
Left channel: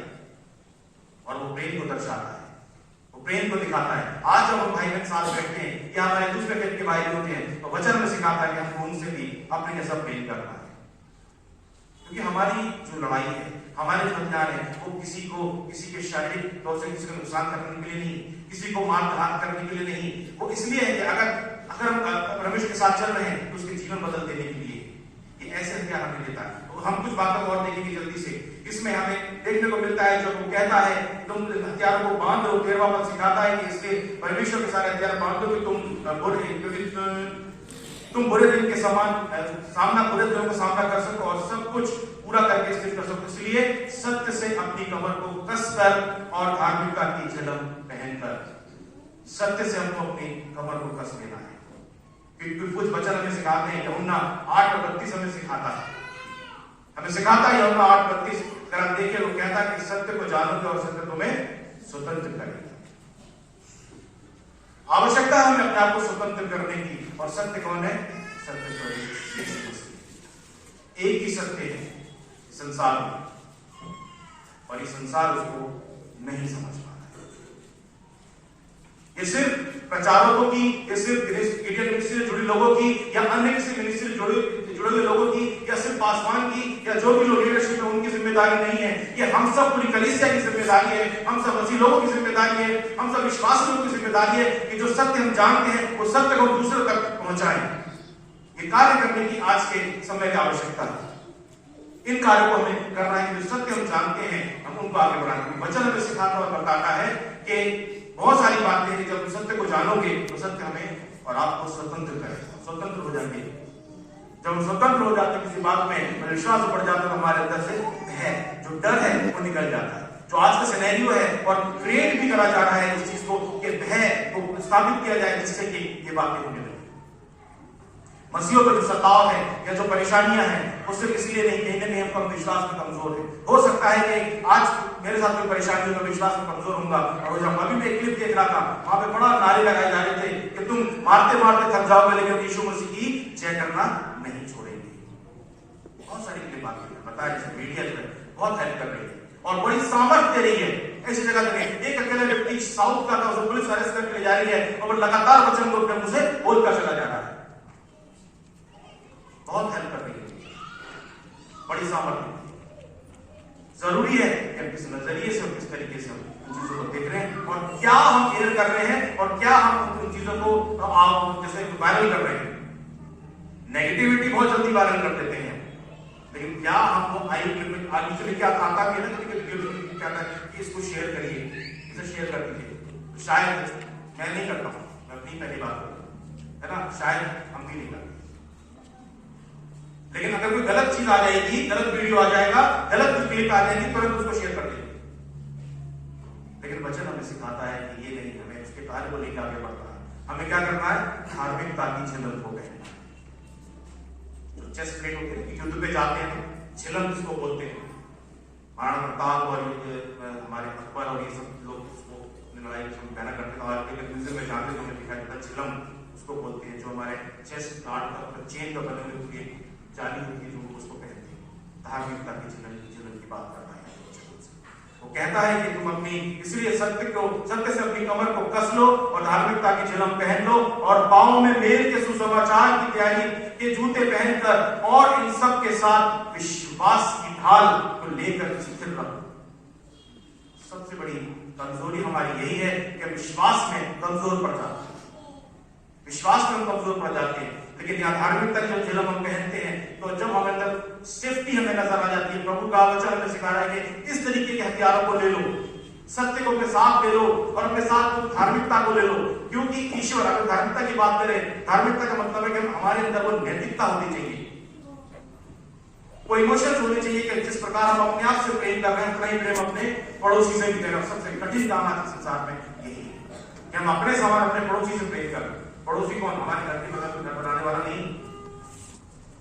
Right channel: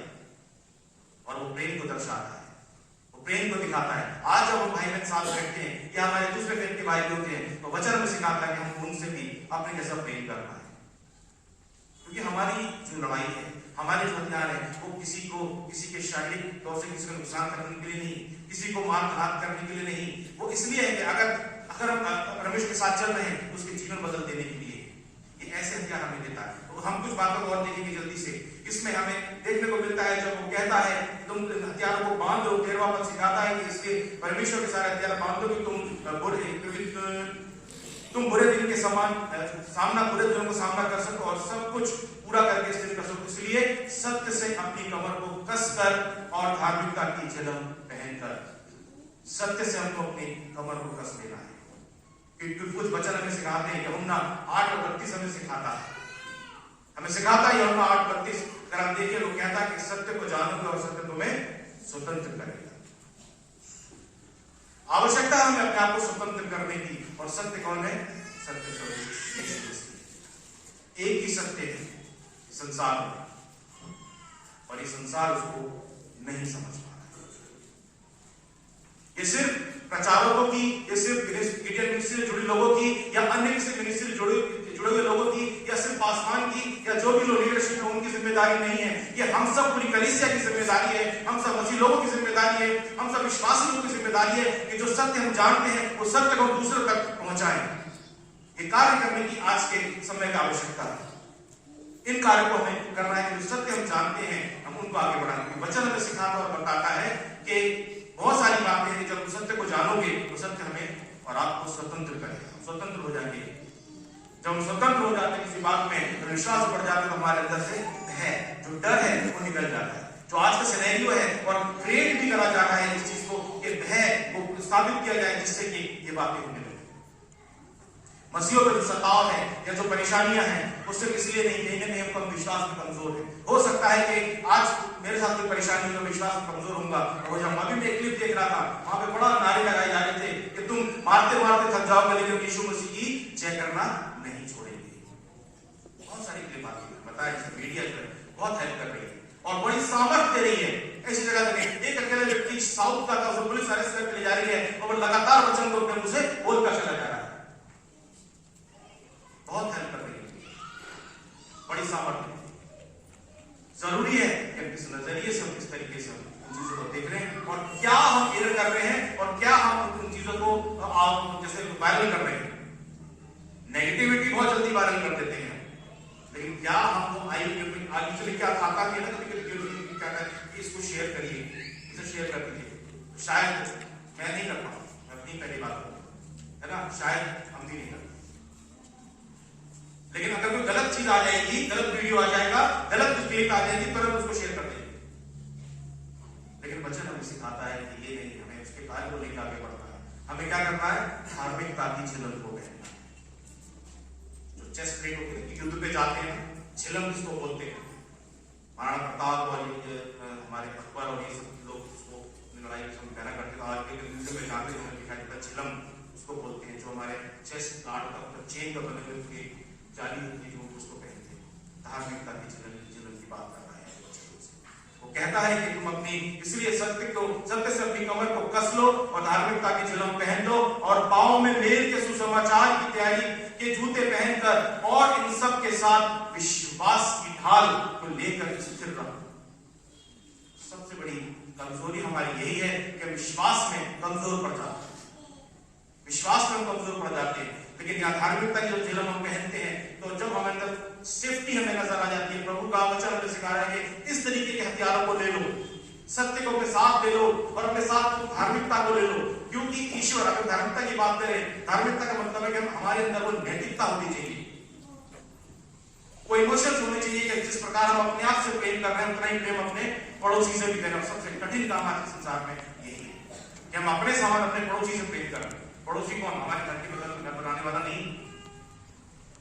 और वो प्रेम को दर्शाता है, वो प्रेम को दिखाता है। आज जब हम भाई बहन साथ बैठते हैं या हमारे दूसरे फेथ के भाई होते हैं तो वचन में सिखाता है कि हमको उनसे भी अपने जैसा प्रेम करना है, क्योंकि हमारी जो लड़ाई है, हमारे जो हथियार है वो किसी के शारीरिक तौर से किसी को नुकसान करने के लिए नहीं, किसी को मार घात करने के लिए नहीं, वो इसलिए है कि अगर हम परमेश्वर के साथ चल रहे हैं तो उसके जीवन बदल देने के लिए ये ऐसे हथियार हमें देता है। तो हम कुछ बातों को और देखेंगे जल्दी से। इसमें हमें देखने को मिलता है जब वो कहता है तुम हथियारों को बांध दो, 13वां पद सिखाता है कि इसलिए परमेश्वर के सारे हथियार बांध दो कि तुम बुरे दिन के बुरे दिनों का सामना कर सको और सब कुछ पूरा करके स्थिर कर सको। इसलिए सत्य से अपनी कमर को कसकर और धार्मिकता की झलम पहनकर, सत्य से हमको अपनी कमर को कस लेना है। क्योंकि कुछ वचन हमें सिखाते हैं, यूहन्ना 8:32 हमें सिखाता है यूहन्ना 8:32, अगर आप देखिए वो कहता है कि सत्य को जानोगे और सत्य तुम्हें स्वतंत्र करेगा। आवश्यकता है हमें अपने आप को स्वतंत्र करने की, और सत्य कौन है? सत्य स्वरूप यीशु मसीह। एक ही सत्य है संसार में और ये संसार उसको नहीं समझ पा रहा। ये सिर्फ प्रचारकों की, ये सिर्फ गिडियन मिनिस्ट्री से जुड़े लोगों की या अन्य किसी मिनिस्ट्री से जुड़े हुए लोगों की या सिर्फ पासवान की या जो भी लोग लीडरशिप है उनकी जिम्मेदारी नहीं है। ये हम सब पूरी कलीसिया की जिम्मेदारी है, हम सब मसीह लोगों की जिम्मेदारी है, हम सब विश्वासी लोगों की जिम्मेदारी है कि जो सत्य हम जानते हैं वो सत्य को दूसरे तक पहुंचाएं। ये कार्य करने की आज के समय की आवश्यकता है। इन कार्यों को हमें करना है कि जो सत्य हम जानते हैं हम उनको आगे बढ़ाना। वचन हमें सिखाता और बताता है कि बहुत सारी बातें हैं, जब सत्य को जानोगे तो सत्य हमें और आपको स्वतंत्र करेगा। स्वतंत्र हो जाएंगे। जब हम स्वतंत्र हो जाते हैं किसी बात में, विश्वास बढ़ जाता है तो हमारे अंदर से भय, जो डर है वो निकल जाता है। जो आज का सिनेरियो है और क्रिएट भी करा जा रहा है इस चीज को कि भय को स्थापित किया जाए जिससे कि ये बातें होने लगे। मसीहों का जो सताव है या जो परेशानियां हैं उससे इसलिए नहीं, कहीं ना कहीं हम विश्वास में कमजोर है। हो सकता है कि आज मेरे साथ कोई परेशानी हो, विश्वास में कमजोर होऊंगा। और जब अभी मैं एक क्लिप देख रहा था, वहां पे बड़ा नारे लगाए जा रहे थे कि तुम मारते मारते थक जाओगे लेकिन यीशु मसीह की जय करना नहीं छोड़ेंगे। बहुत सारी क्लिप आती है, बताया जैसे मीडिया जो है बहुत हेल्प कर रही है और बड़ी सामर्थ्य दे रही है। ऐसी जगह पे एक अकेला व्यक्ति साउथ का था, उसे पुलिस अरेस्ट करके ले जा रही है और वो लगातार वचन को अपने मुंह से बोलता चला जा रहा है। बहुत हेल्प कर रही है, बड़ी सामर्थ्य। जरूरी है कि किस नजरिए से और किस तरीके से हम उन चीजों को देख रहे हैं और क्या हम एयर कर रहे हैं और क्या हम उन चीजों को जैसे वायरल कर रहे हैं। नेगेटिविटी बहुत जल्दी वायरल कर देते हैं, लेकिन क्या हमको आगे चले क्या आता भी है ना, कभी क्या कि इसको शेयर करिए, इसे शेयर कर दीजिए, तो शायद मैं नहीं करता हूं, मैं अपनी पहली बात करूं, है ना, शायद हम भी नहीं करते। लेकिन अगर कोई गलत चीज आ जाएगी, गलत वीडियो आ जाएगा, गलत क्लिप आ जाएगी, तुरंत उसको शेयर कर देंगे। लेकिन वचन हमें सिखाता है कि ये नहीं, हमें उसके कार्य को लेकर आगे बढ़ना है। हमें क्या करना है? धार्मिकता की झिलम को पहनना है। जो चेस्ट प्लेट होती है कि युद्ध पे जाते हैं, झिलम जिसको बोलते हैं, महाराणा प्रताप और हमारे अकबर और ये सब लोग उसको लड़ाई में पहना करते थे। आज के म्यूजियम में जाते तो हमें दिखाई देता झिलम उसको बोलते हैं, जो हमारे चेस्ट गार्ड का चेन का बने हुए पूरी जाली होती है, जो उसको पहनते हैं। धार्मिकता की झिलम की बात कर रहा है। वो कहता है कि तुम अपनी, इसलिए सत्य से अपनी कमर को कस लो और धार्मिकता की झिलम पहन लो और पांव में मेल के सुसमाचार की तैयारी के जूते पहनकर और इन सब के साथ विश्वास की ढाल को लेकर स्थिर रहो। सबसे बड़ी कमजोरी हमारी यही है कि विश्वास में कमजोर पड़ जाते हैं, विश्वास में हम कमजोर पड़ जाते हैं। लेकिन यहाँ धार्मिकता की जब झिलम हम पहनते हैं तो जब हमें अंदर सेफ्टी हमें नजर आ जाती है। प्रभु का वचन हमें सिखा रहा है कि इस तरीके के हथियारों को ले लो, सत्य को अपने साथ ले लो और अपने साथ धार्मिकता को ले लो। क्योंकि ईश्वर, अगर धार्मिकता की बात करें, धार्मिकता का मतलब है कि हमारे अंदर वो नैतिकता होनी चाहिए, वो इमोशंस होने चाहिए कि जिस प्रकार हम अपने आप से प्रेम कर रहे हैं उतना ही प्रेम अपने पड़ोसी से भी करें। सबसे कठिन काम आज के संसार में यही है कि हम अपने समान अपने पड़ोसी से प्रेम कर रहे हैं। पड़ोसी कौन? हमारे घर के बगल में घर बनाने वाला नहीं,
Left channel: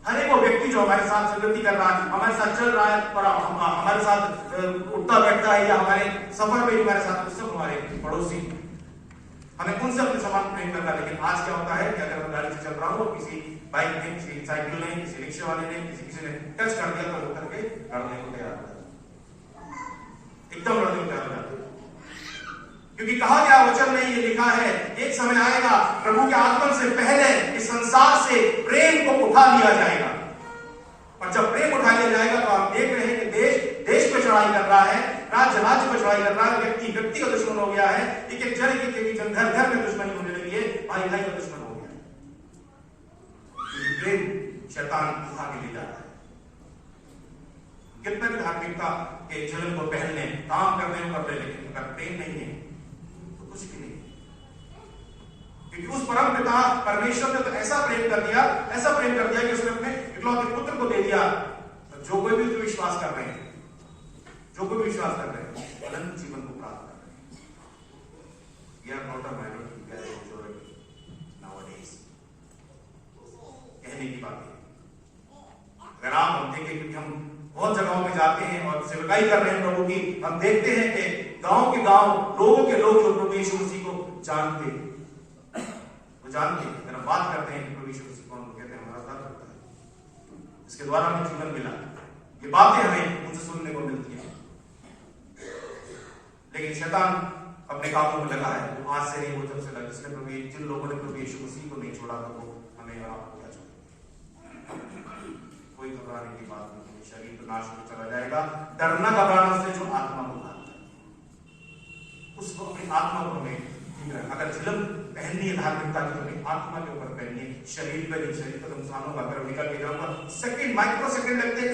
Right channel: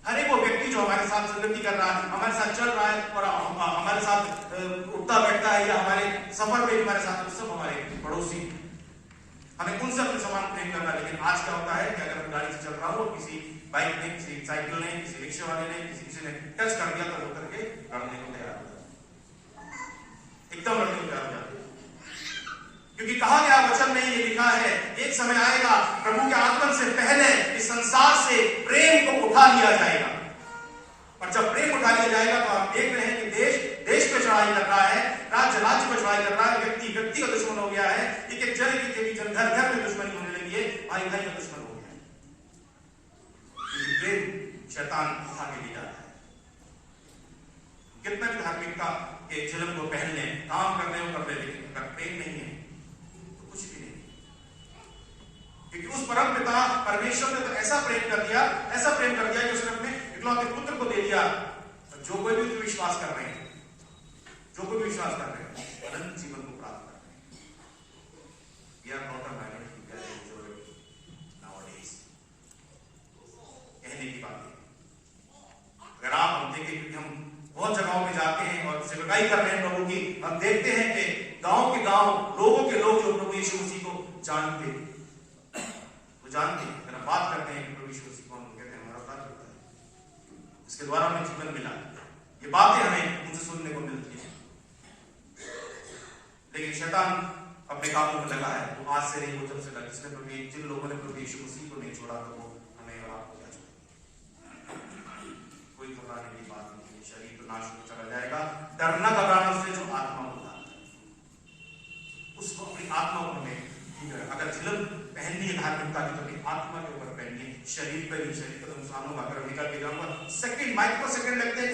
हर एक वो व्यक्ति जो हमारे साथ संगति कर रहा है, हमारे साथ चल रहा है और हमारे साथ उठता बैठता है या हमारे सफर में हमारे साथ, वो सब हमारे पड़ोसी। हमें उनसे अपने समान प्रेम करना। लेकिन आज क्या होता है कि अगर मैं गाड़ी से चल रहा हूँ, किसी बाइक ने, किसी साइकिल ने, किसी रिक्शे वाले ने, किसी ने टच कर दिया तो वो करके लड़ने को तैयार हो जाता है, एकदम लड़ने को तैयार हो जाते हैं। क्योंकि कहा गया वचन में ये लिखा है, एक समय आएगा प्रभु के आगमन से पहले इस संसार से प्रेम को उठा लिया जाएगा। और जब प्रेम उठा लिया जाएगा तो हम देख रहे हैं कि देश पे चढ़ाई कर रहा है, राज्य पे चढ़ाई कर रहा है, व्यक्ति का दुश्मन हो गया है, एक जन के जन घर में दुश्मनी होने लगी है, भाई का दुश्मन हो गया है। क्योंकि प्रेम शैतान उठा के ले जाता है। कितना भी धार्मिकता के झिलम को पहन लें, काम कर ले, लेकिन अगर प्रेम नहीं है कुछ भी नहीं। क्योंकि उस परम पिता परमेश्वर ने तो ऐसा प्रेम कर दिया कि उसने अपने इकलौते पुत्र को दे दिया। तो जो कोई भी उस पर विश्वास कर रहे हैं, अनंत जीवन को प्राप्त कर रहे हैं। We are not a minority, we are a majority nowadays। कहने की बात है, अगर हम देखें, क्योंकि हम बहुत जगहों में जाते हैं और सेवकाई कर रहे हैं प्रभु की, हम देखते हैं कि गांव के गांव, लोगों के लोग जो प्रभु यीशु मसीह को जानते हैं, अगर हम बात करते हैं कि प्रभु यीशु मसीह कौन, कहते हैं हमारा प्रार्थना करता है, इसके द्वारा हमें जीवन मिला। ये बातें हमें उनसे सुनने को मिलती हैं। लेकिन शैतान अपने कामों में लगा है। तो आज से नहीं, वो जब से लगा, जिसने जिन लोगों ने प्रभु यीशु मसीह को नहीं छोड़ा तो वो हमें और आपको क्या छोड़ेगा? कोई घबराने की बात नहीं है। शरीर तो नाश हो चला जाएगा, डरना घबराना उससे जो आत्मा को उठाता है, उसको अपनी आत्मा को हमें ठीक है। अगर झिलम पहननी है धार्मिकता की तो अपनी आत्मा के ऊपर पहनिए, शरीर पर नहीं। शरीर का नुकसान होगा। अगर निकल के जाऊंगा, सेकंड, माइक्रो सेकंड लगते हैं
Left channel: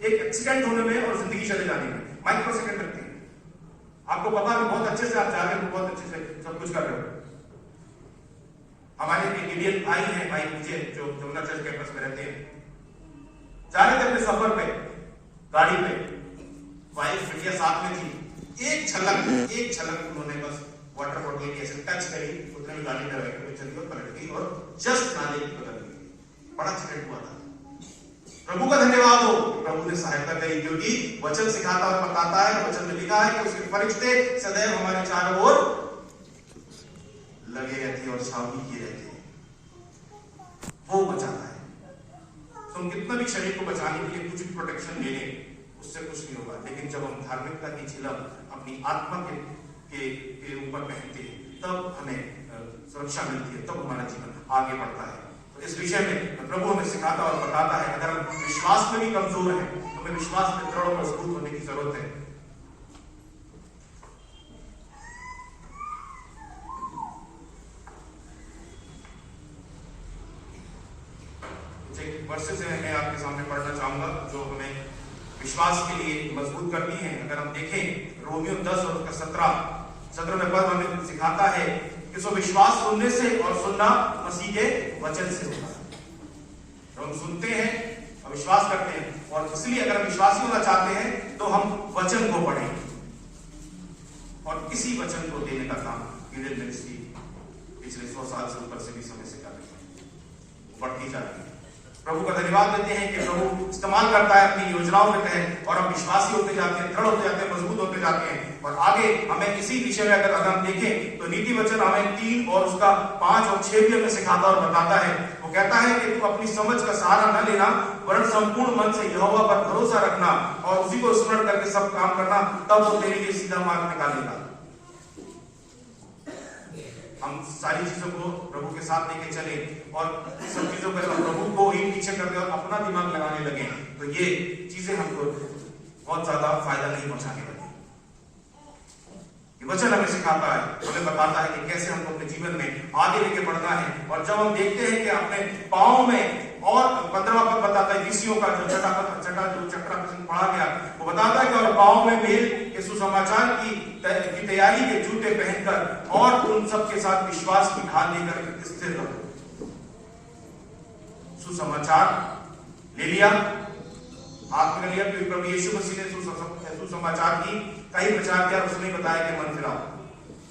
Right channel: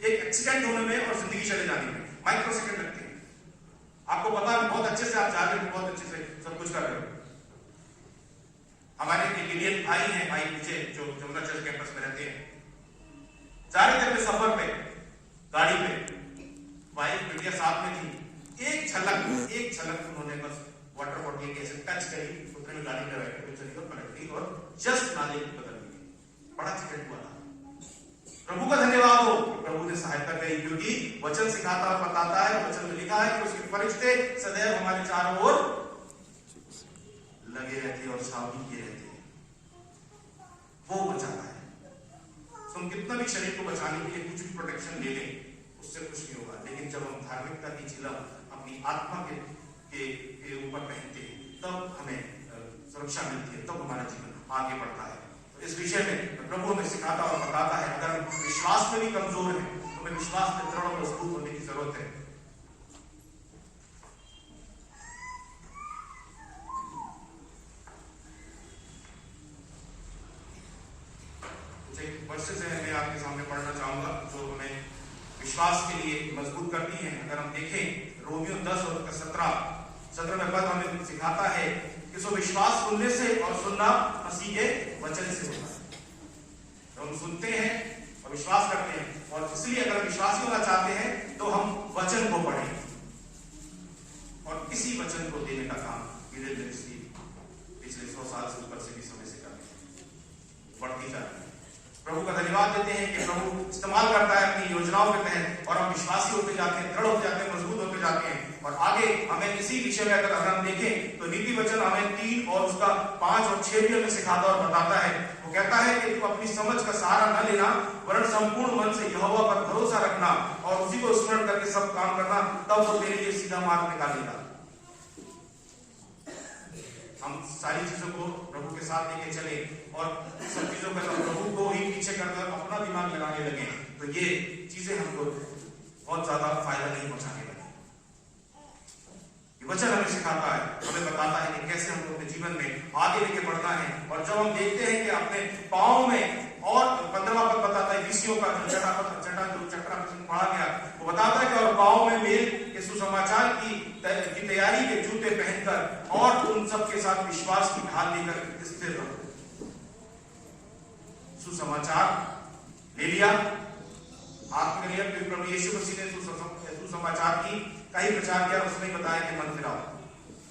एक एक्सीडेंट होने में और जिंदगी चले जाने में, माइक्रो सेकंड लगते हैं। आपको पता है बहुत अच्छे से आप जा रहे हो, बहुत अच्छे से सब कुछ कर रहे हो। हमारे इंडियन भाई हैं, भाई मुझे जो जमुना चर्च कैंपस में रहते हैं, जा रहे थे अपने सफर पे गाड़ी पे, वाइफ बिटिया साथ में थी। एक झलक उन्होंने बस वाटर बॉटल की ऐसे टच करी, उतने में गाड़ी में बैठ चली और पलट गई और जस्ट नाले की बदल गई। बड़ा एक्सीडेंट हुआ था। प्रभु का धन्यवाद हो, प्रभु ने सहायता करी, क्योंकि वचन सिखाता और बताता है। वचन में लिखा है कि उसके फरिश्ते सदैव हमारे चारों ओर लगे रहते और छावनी किए रहते हैं। वो बचाता है। तुम कितना भी शरीर को बचाने के लिए कुछ भी प्रोटेक्शन ले लें, उससे कुछ नहीं होगा। लेकिन जब हम धार्मिकता की झिलम अपनी आत्मा के ऊपर पहनते हैं, तब हमें सुरक्षा मिलती है, तब हमारा जीवन आगे बढ़ता है। तो इस विषय में प्रभु हमें सिखाता और बताता है। अगर हम विश्वास में भी कमजोर हैं तो हमें विश्वास में दृढ़ और मजबूत होने की जरूरत है। वर्सेस हैं मैं आपके सामने पढ़ना चाहूंगा जो हमें विश्वास के लिए मजबूत करती हैं। अगर हम देखें रोमियो 10 और उसका 17 पद हमें सिखाता है कि सो विश्वास सुनने से और सुनना मसीह के वचन से होता है। तो हम सुनते हैं और विश्वास करते हैं, और इसलिए अगर हम विश्वासी होना चाहते हैं तो हम वचन को पढ़ेंगे और इसी वचन को देने का काम ईडन मिनिस्ट्री पिछले 100 साल से ऊपर से भी समय से कर रही है, बढ़ती जा रही है। प्रभु का धन्यवाद देते हैं कि प्रभु इस्तेमाल करता है अपनी योजनाओं के तहत, और हम विश्वासी होते जाते हैं, दृढ़ होते जाते हैं, मजबूत होते जाते हैं। और आगे हमें इसी विषय में अगर हम देखें तो नीति वचन हमें 3 और उसका 5 और 6 भी हमें सिखाता और बताता है। वो कहता है कि तू अपनी समझ का सहारा न लेना, वरन संपूर्ण मन से यहोवा पर भरोसा रखना और उसी को स्मरण करके सब काम करना, तब वो तेरे लिए सीधा मार्ग निकालेगा। हम सारी चीजों को प्रभु के साथ लेके चले और सब चीजों पर प्रभु को ही पीछे कर दे और अपना दिमाग लगाने लगे, तो ये चीजें हमको बहुत ज्यादा फायदा नहीं पहुंचाने वाली। ये वचन हमें सिखाता है, हमें बताता है कि कैसे हमको अपने जीवन में आगे लेके बढ़ना है। और जब हम देखते हैं कि अपने पाँव में, और 15वां पद बताता है विषयों का जो चक्रा प्रश्न पढ़ा गया, वो बताता है कि और पाँव में मेल के सुसमाचार की तैयारी के जूते पहनकर और उन सब के साथ विश्वास की ढाल लेकर स्थिर रहो। सुसमाचार ले लिया, हाथ में लिया, फिर प्रभु यीशु मसीह ने सुसमाचार की कई प्रचार किया, उसने बताया कि मन फिराओ,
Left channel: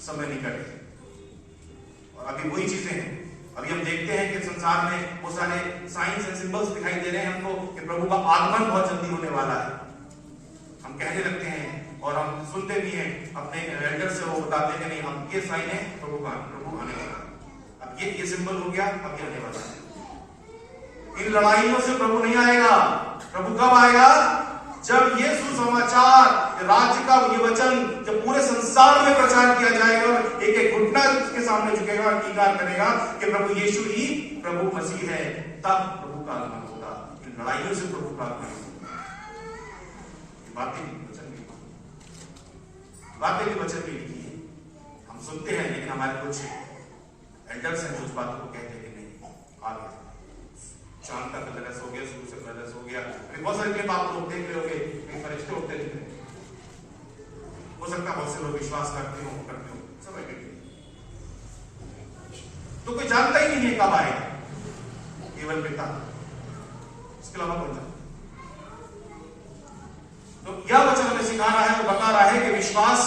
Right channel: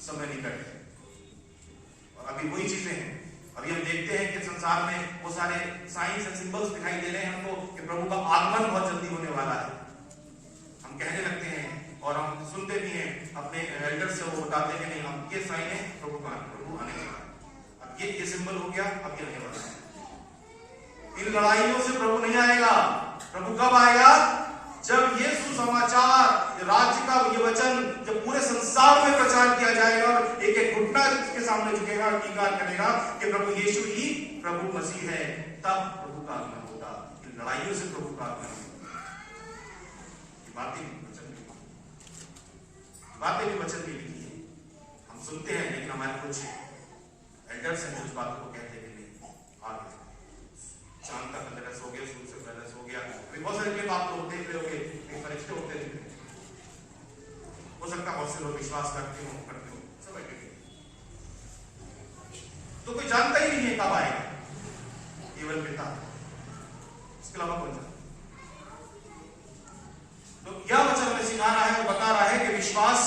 समय निकट। और अभी वही चीजें हैं। अभी हम देखते हैं कि संसार में वो सारे साइंस एंड सिंबल्स दिखाई दे रहे हैं हमको कि प्रभु का आगमन बहुत जल्दी होने वाला है। हम कहने लगते हैं और हम सुनते भी हैं अपने एल्डर से, वो बताते हैं कि नहीं अब ये साइन है प्रभु आने वाला, अब ये सिंबल हो गया, अब ये आने वाला है। इन लड़ाइयों से प्रभु नहीं आएगा। प्रभु कब आएगा? जब ये सुसमाचार, राज्य का ये वचन जब पूरे संसार में प्रचार किया जाएगा और एक एक घुटना इसके सामने झुकेगा और अंगीकार करेगा कि प्रभु यीशु ही प्रभु मसीह है, तब प्रभु का आगमन होगा। इन लड़ाइयों से प्रभु का आगमन होगा। ये बातें भी वचन भी लिखी है, हम सुनते हैं, लेकिन हमारे कुछ एल्डर्स हैं कुछ बातों को कहते हैं कि नहीं आगे चांद का कलर ऐसा हो गया, सूर्य से कलर ऐसा हो गया। बहुत सारे क्लिप आप लोग देख रहे होंगे, फरिश्ते उठते दिख रहे, हो सकता है बहुत से लोग विश्वास करते हो सब एडिट। तो कोई जानता ही नहीं है कब आएगा, केवल पिता, इसके अलावा कौन जानता। तो यह वचन हमें सिखा रहा है और बता रहा है कि विश्वास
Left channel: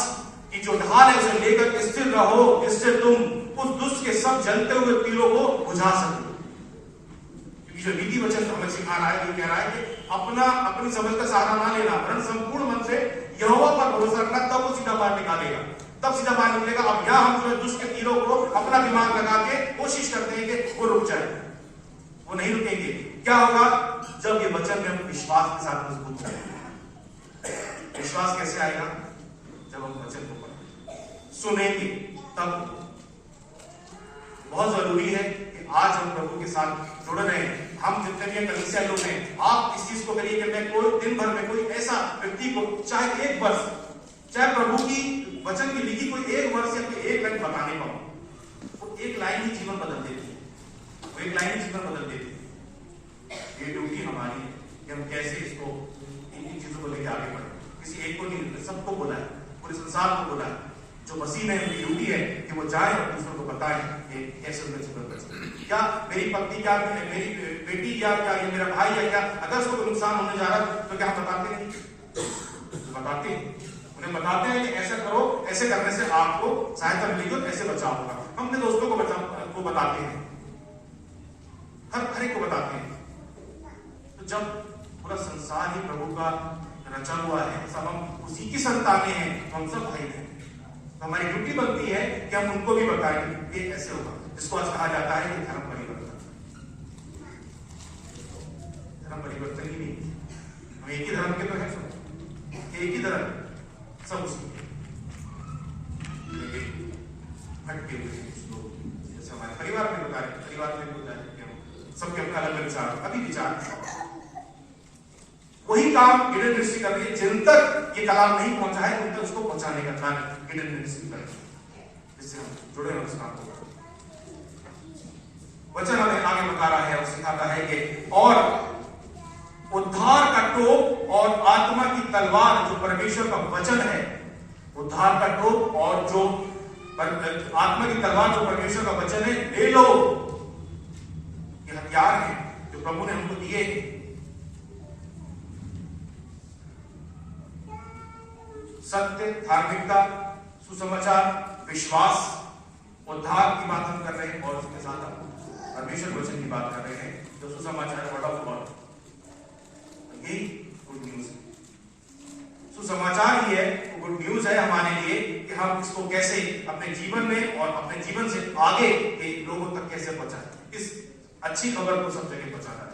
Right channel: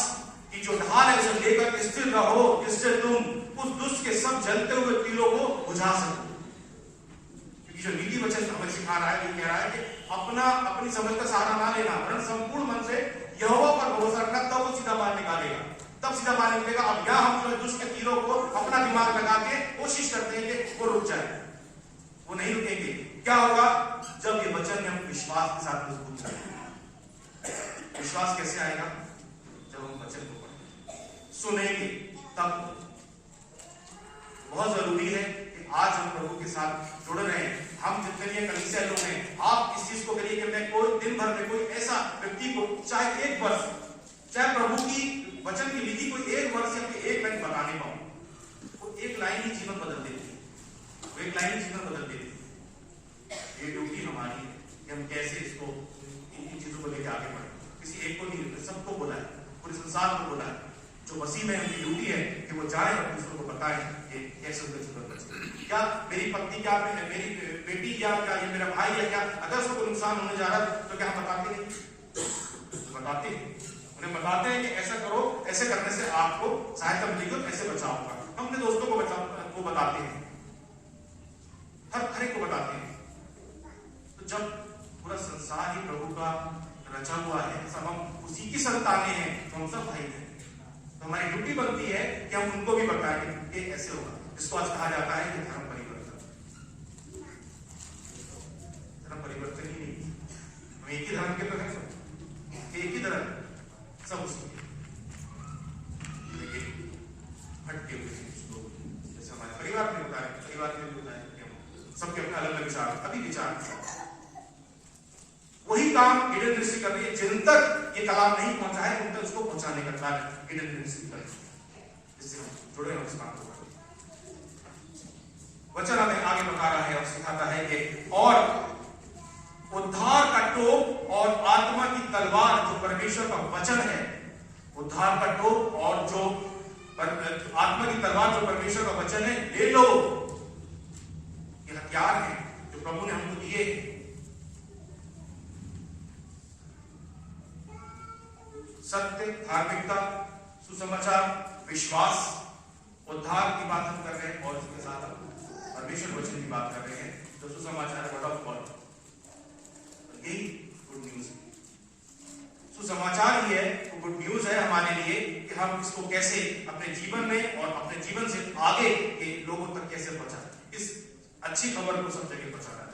की जो ढाल है उसे लेकर स्थिर रहो, जिससे तुम उस दुष्ट के सब जलते हुए तीरों को बुझा सको। जो नीति वचन हमें सिखा रहा है, ये कह रहा है कि अपनी समझ का सहारा ना लेना, वरन संपूर्ण मन से यहोवा पर भरोसा रखना, तब वो सीधा मार निकालेगा, तब सीधा मार निकलेगा। अब यहां हम जो दुष्ट के तीरों को अपना दिमाग लगा के कोशिश करते हैं कि वो रुक जाए, वो नहीं रुकेंगे। क्या होगा? जब ये वचन में हम विश्वास के साथ मजबूत होंगे। विश्वास कैसे आएगा? जब हम वचन को पढ़ेंगे, सुनेंगे, तब। बहुत जरूरी है कि आज हम प्रभु के साथ जुड़ रहे हैं। हम जितने भी कलीसिया लोग हैं, आप इस चीज को करिए कि मैं कोई दिन भर में कोई ऐसा व्यक्ति को, चाहे एक वर्ष, चाहे प्रभु की वचन की लिखी कोई एक वर्ष या कोई एक लाइन बताने पाऊं, वो एक लाइन ही जीवन बदल देती है, वो एक लाइन ही जीवन बदल देती है। ये ड्यूटी हमारी है कि हम कैसे इसको, इन चीजों को लेकर आगे बढ़े। किसी एक को नहीं, सबको बोला है, पूरे संसार को बोला है। जो मसीह में उनकी ड्यूटी है कि वो जाए और दूसरों को बताएं कि कैसे उनका जीवन बचे। क्या मेरी पत्नी, क्या मेरी बेटी, या क्या ये मेरा भाई, या क्या अगर उसको कोई नुकसान होने जा रहा है तो क्या हम बताते हैं? बताते हैं, उन्हें बताते हैं कि ऐसा करो, ऐसे करने से आपको सहायता मिलेगी और ऐसे बचाव होगा। हम अपने दोस्तों को बताते हैं, हर एक को बताते हैं। तो जब पूरा संसार ही प्रभु का रचा हुआ है, सब हम उसी की संतानें हैं, तो हम सब भाई हैं, तो हमारी ड्यूटी बनती है कि हम उनको भी बताएं कि ऐसे होगा। जिसको आज कहा जाता है कि धर्म परिवर्तन। धर्म परिवर्तन ही नहीं, हम एक ही धर्म के तो हैं सब, एक ही धर्म सब उसके, लेकिन हटके हुए कुछ लोग, जैसे हमारे परिवार में होता है, परिवार में होता है कि हम सबके अपना अलग अलग विचार, कभी विचार वही काम ईडन मिनिस्ट्री कर रही है। जिन तक ये कलाम नहीं पहुंचा है उन तक उसको पहुंचाने का कार्य ईडन मिनिस्ट्री कर रही है, जिससे हम जुड़े हैं उस काम को। वचन हमें आगे बता रहा है और सिखाता है कि और उद्धार का टोप और आत्मा की तलवार जो परमेश्वर का वचन है, उद्धार का टोप और जो आत्मा की तलवार जो परमेश्वर का वचन है, ले लो। ये हथियार हैं जो प्रभु ने हमको दिए। सत्य, धार्मिकता, सुसमाचार, विश्वास, उद्धार की बात हम कर रहे हैं और उसके साथ हम परमेश्वर वचन की बात कर रहे हैं जो सुसमाचार वर्ड ऑफ गॉड। यही गुड न्यूज है, सुसमाचार ही है, तो गुड न्यूज है हमारे लिए कि हम इसको कैसे अपने जीवन में और अपने जीवन से आगे के लोगों तक कैसे पहुंचाएं। इस अच्छी खबर को सब जगह पहुंचाना है।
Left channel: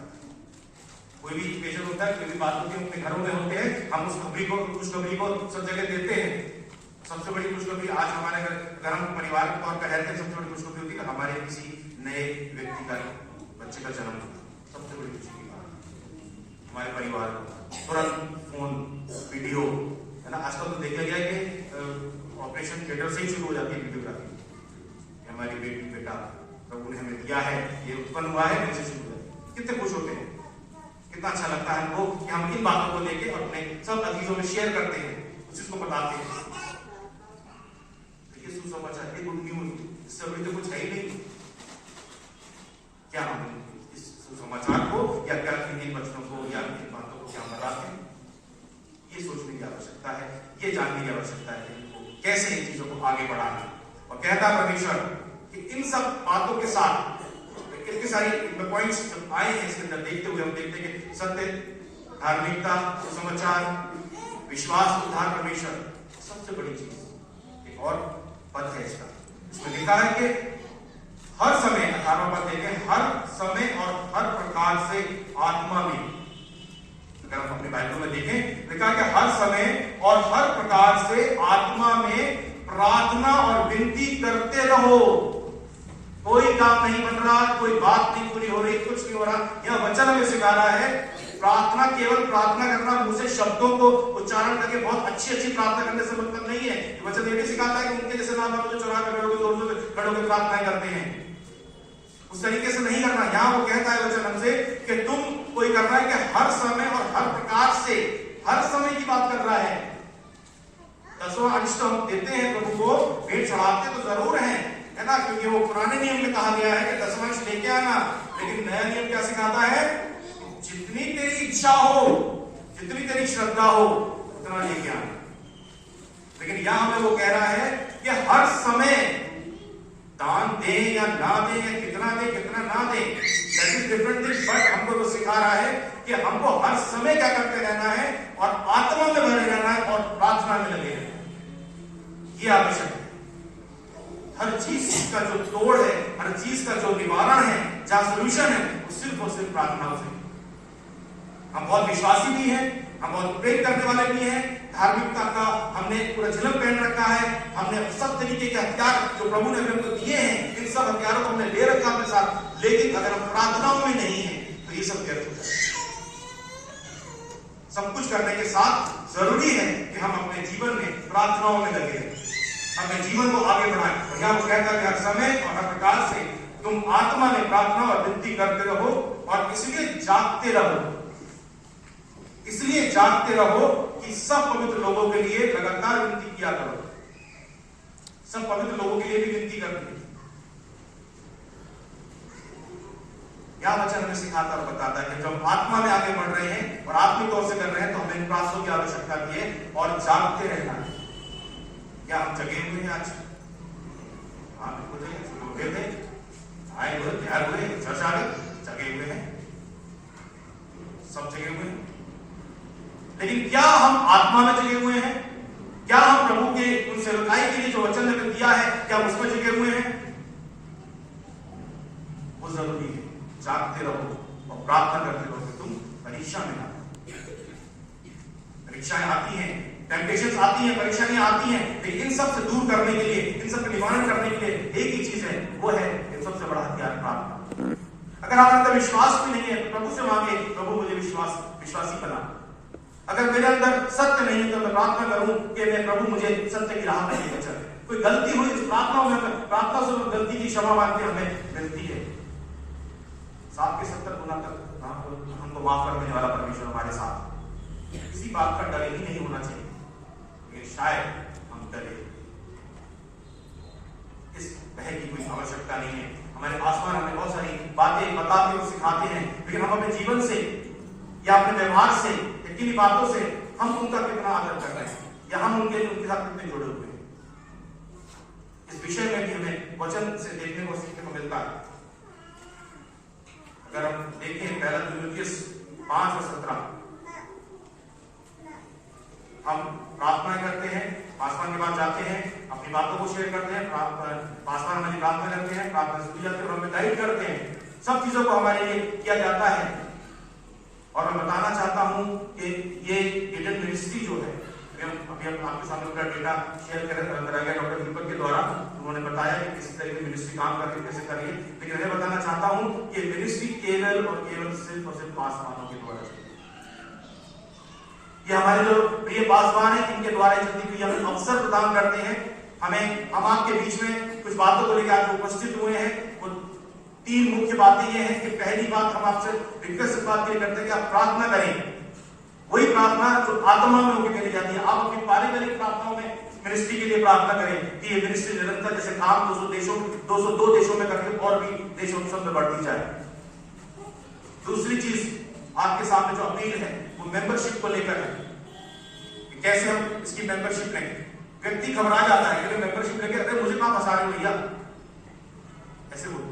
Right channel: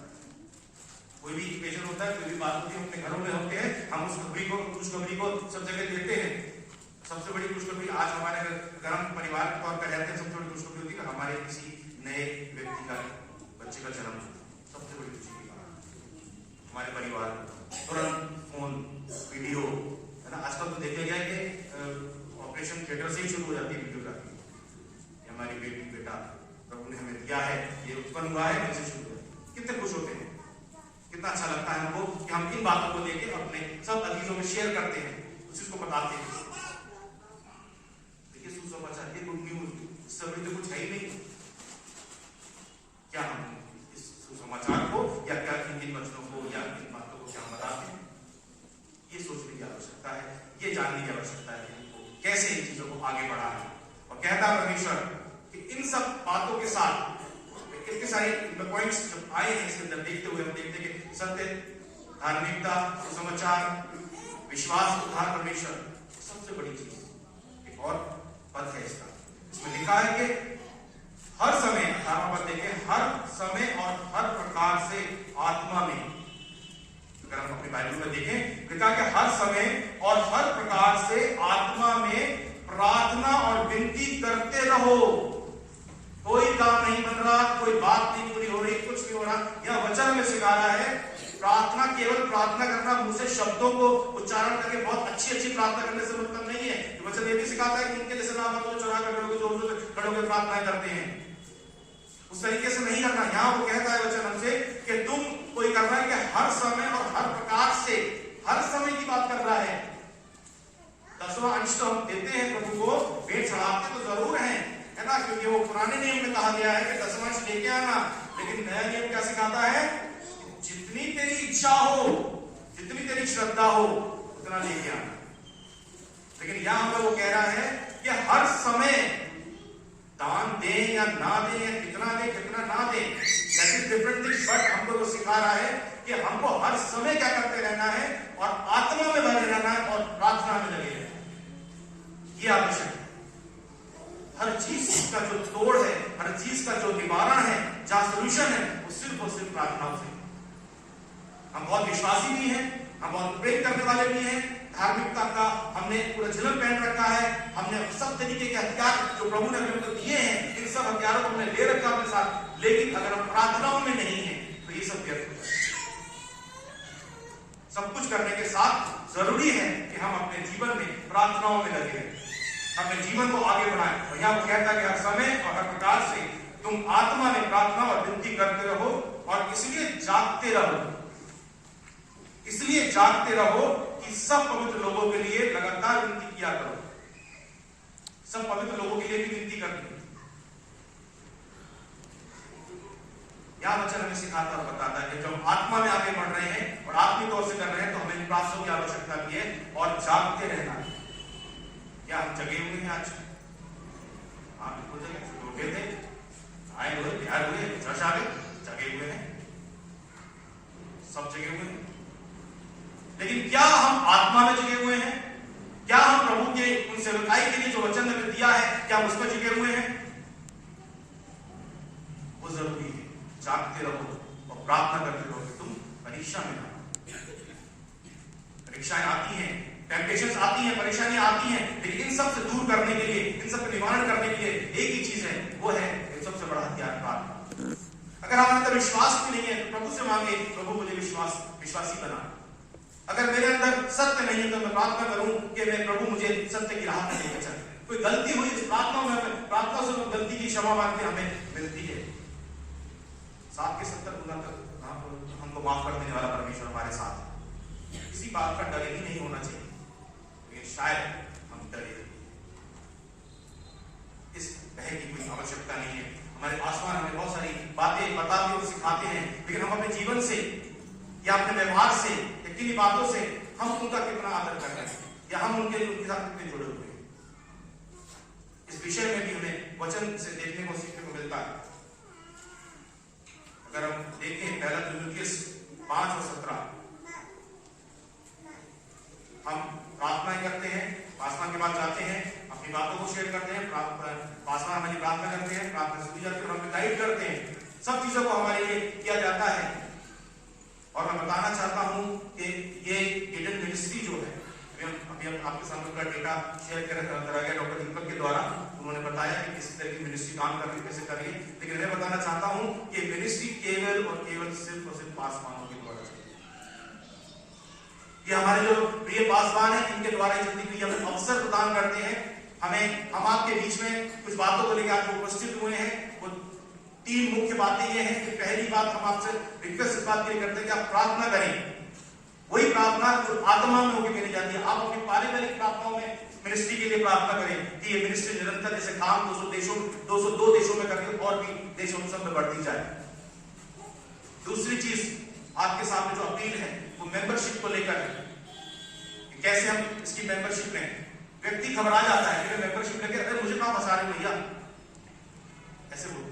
कोई भी पेशेंट होता है, कोई भी बात होती है, अपने घरों में होते हैं, हम उस खुशखबरी को सब जगह देते हैं। सबसे बड़ी खुशखबरी आज हमारे अगर हम परिवार के तौर पर रहते हैं, सबसे बड़ी खुशखबरी होती है कि हमारे किसी नए व्यक्ति का बच्चे का जन्म हुआ। सबसे बड़ी खुशी की बात हमारे परिवार तुरंत फोन, वीडियो, है ना। आजकल तो देखा गया कि ऑपरेशन थिएटर से ही शुरू हो जाती है वीडियोग्राफी। हमारी बेटी बेटा प्रभु ने हमें दिया है, ये उत्पन्न हुआ है, वैसे शुरू हो जाती है। कितने खुश होते हैं, कितना अच्छा लगता है हमको कि हम इन बातों को लेके अपने सब अजीजों में शेयर करते हैं, उस चीज को बताते हैं। देखिए सुसमाचार, ये गुड न्यूज, इससे बड़ी तो कुछ है ही नहीं। क्या हम इस सुसमाचार को या क्या इन वचनों को या इन बातों को क्या हम बताते हैं, ये सोचने की आवश्यकता है, ये जानने की आवश्यकता है इनको कैसे इन चीजों को आगे बढ़ाना है। और कहता परमेश्वर कि इन सब बातों के साथ इतने सारे पॉइंट्स जब आए हैं इसके अंदर देखते हुए हम देखते हैं कि सत्य, धार्मिकता, सुसमाचार, विश्वास, उद्धार, परमेश्वर, सबसे बड़ी चीज एक और पद है इसका। इसमें लिखा है कि हर समय, 18वां पद देखें, हर समय और हर प्रकार से आत्मा में। अगर हम अपनी बाइबल में देखें, लिखा कि हर समय और हर प्रकार से आत्मा में प्रार्थना और विनती करते रहो। कोई काम नहीं बन रहा, कोई बात नहीं पूरी हो रही, कुछ नहीं हो रहा, यह वचन हमें सिखा रहा है प्रार्थना केवल प्रार्थना करना, मुंह से शब्दों को उच्चारण करके बहुत अच्छी प्रार्थना करने से मतलब नहीं है। वचन ये भी सिखाता है कि उनके जैसे नाम जो चुरा कर लोग जोर जोर से खड़े होकर प्रार्थनाएं करते हैं, उस तरीके से नहीं करना। यहां वो कहता है वचन हमसे कि तुम कोई करना है कि हर समय और हर प्रकार से, हर समय की बात कर रहा है। 10वां अंश तो हम देते हैं प्रभु को, भेंट चढ़ाते तो जरूर है ना, क्योंकि वो पुराने नियम में कहा गया है कि 10वां अंश लेके आना। लेकिन नया नियम क्या सिखाता है? जितनी तेरी इच्छा हो, जितनी तेरी श्रद्धा हो, उतना लेके आना। लेकिन यहां हमें वो कह रहा है कि हर समय दान दें या ना दें, या कितना दें कितना ना दें, that is different thing. But हमको वो सिखा रहा है कि हमको हर समय क्या करते रहना है और आत्मा में भरे रहना है और प्रार्थना में लगे रहना है। ये आवश्यक है। हर चीज का जो तोड़ है, हर चीज का जो निवारण है, जहां सोल्यूशन है, वो सिर्फ और सिर्फ प्रार्थना से। हम बहुत विश्वासी भी हैं, हम बहुत प्रेम करने वाले भी हैं, धार्मिकता का हमने पूरा झिलम पहन रखा है, हमने सब तरीके के हथियार जो प्रभु ने हमको दिए हैं, इन सब हथियारों को हमने ले रखा अपने साथ। लेकिन अगर हम प्रार्थनाओं में नहीं है तो ये सब व्यर्थ हो जाए। सब कुछ करने के साथ जरूरी है कि हम अपने जीवन में प्रार्थनाओं में लगे रहें, अपने जीवन को आगे बढ़ाएं। और यहां वो कहता है कि हर समय और हर प्रकार से तुम आत्मा में प्रार्थना और विनती करते रहो, और इसलिए जागते रहो, इसलिए जागते रहो कि सब पवित्र लोगों के लिए लगातार विनती किया करो। सब पवित्र लोगों के लिए भी विनती करते हैं। यह वचन हमें सिखाता और बताता है कि जब आत्मा में आगे बढ़ रहे हैं और आत्मिक तौर से कर रहे हैं तो हमें इन प्रार्थनाओं की आवश्यकता भी है और जागते रहना है। क्या हम जगे हुए हैं आज? हाँ बिल्कुल जगे थे, आए हुए, तैयार हुए, चर्च आ गए, जगे हुए हैं, सब जगे हुए हैं। लेकिन क्या हम आत्मा में जगे हुए हैं? क्या हम प्रभु के उन सेवकाई के लिए जो वचन हमें दिया है, क्या हम उसमें जगे हुए हैं? वो जरूरी है। जागते रहो और प्रार्थना करते रहो कि तुम परीक्षा में ना। परीक्षाएं आती हैं, टेम्पटेशंस आती हैं, परेशानियां आती हैं, लेकिन इन सब से दूर करने के लिए, इन सब का निवारण करने के लिए एक ही चीज है, वो है इन सबसे बड़ा हथियार प्रार्थना। अगर हमारे अंदर विश्वास भी नहीं है तो प्रभु से मांगे, प्रभु मुझे विश्वासी बना। अगर मेरे अंदर सत्य नहीं है तो मैं प्रार्थना करूं कि मैं प्रभु मुझे सत्य की राह पर लेकर चले। कोई गलती हुई इस प्रार्थना में, प्रार्थना से गलती की क्षमा मांगते हमें मिलती है। 7 के 70 गुना तक हमको माफ कर देने वाला परमेश्वर हमारे साथ है। किसी बात का डर ही नहीं होना चाहिए, लेकिन शायद हम डरे। इस भय की कोई आवश्यकता नहीं है। हमारे आसमान हमें बहुत सारी बातें बताते और सिखाते हैं, लेकिन हम अपने जीवन से या अपने व्यवहार से या किन्हीं बातों से हम उनका कितना आदर कर रहे हैं या हम उनके साथ कितने जुड़े हुए हैं, इस विषय में भी हमें वचन से देखने को सीखने को मिलता है। अगर हम देखें पहला तिमुथियुस 5 और 17, हम प्रार्थनाएं करते हैं, पासवान के पास जाते हैं, अपनी बातों को शेयर करते हैं, पासवान हमारी प्रार्थना करते हैं, प्रार्थना सुनी जाती है और हमें गाइड करते हैं। सब चीजों को हमारे लिए किया जाता है। और मैं बताना चाहता हूं कि ये ईडन मिनिस्ट्री जो है, अभी आपके सामने पूरा डेटा शेयर करा गया डॉक्टर दीपक के द्वारा। उन्होंने बताया कि किस तरह की मिनिस्ट्री काम कर रही है, कैसे कर रही है, लेकिन मैं बताना चाहता हूं कि मिनिस्ट्री केवल और केवल सिर्फ और सिर्फ पासवानों के द्वारा चलती है। ये हमारे जो प्रिय पासवान है, इनके द्वारा चलती हुई हमें अवसर प्रदान करते हैं। हम आपके बीच में कुछ बातों को लेकर आज उपस्थित हुए हैं। वो 3 मुख्य बातें ये हैं कि पहली बात हम आपसे रिक्वेस्ट इस बात के लिए करते हैं कि आप प्रार्थना करें, वही प्रार्थना जो आत्मा में होकर करी जाती है। आप अपनी पारिवारिक प्रार्थनाओं में मिनिस्ट्री के लिए प्रार्थना करें कि ये मिनिस्ट्री निरंतर जैसे काम 202 देशों में करके और भी देशों सब में बढ़ती जाए। दूसरी चीज आपके सामने जो अपील है वो मेंबरशिप को लेकर है कि कैसे हम इसकी मेंबरशिप लें। व्यक्ति घबरा जाता है कि मेंबरशिप लेके, अरे मुझे कहां फंसा रहे हो भैया, ऐसे बोलते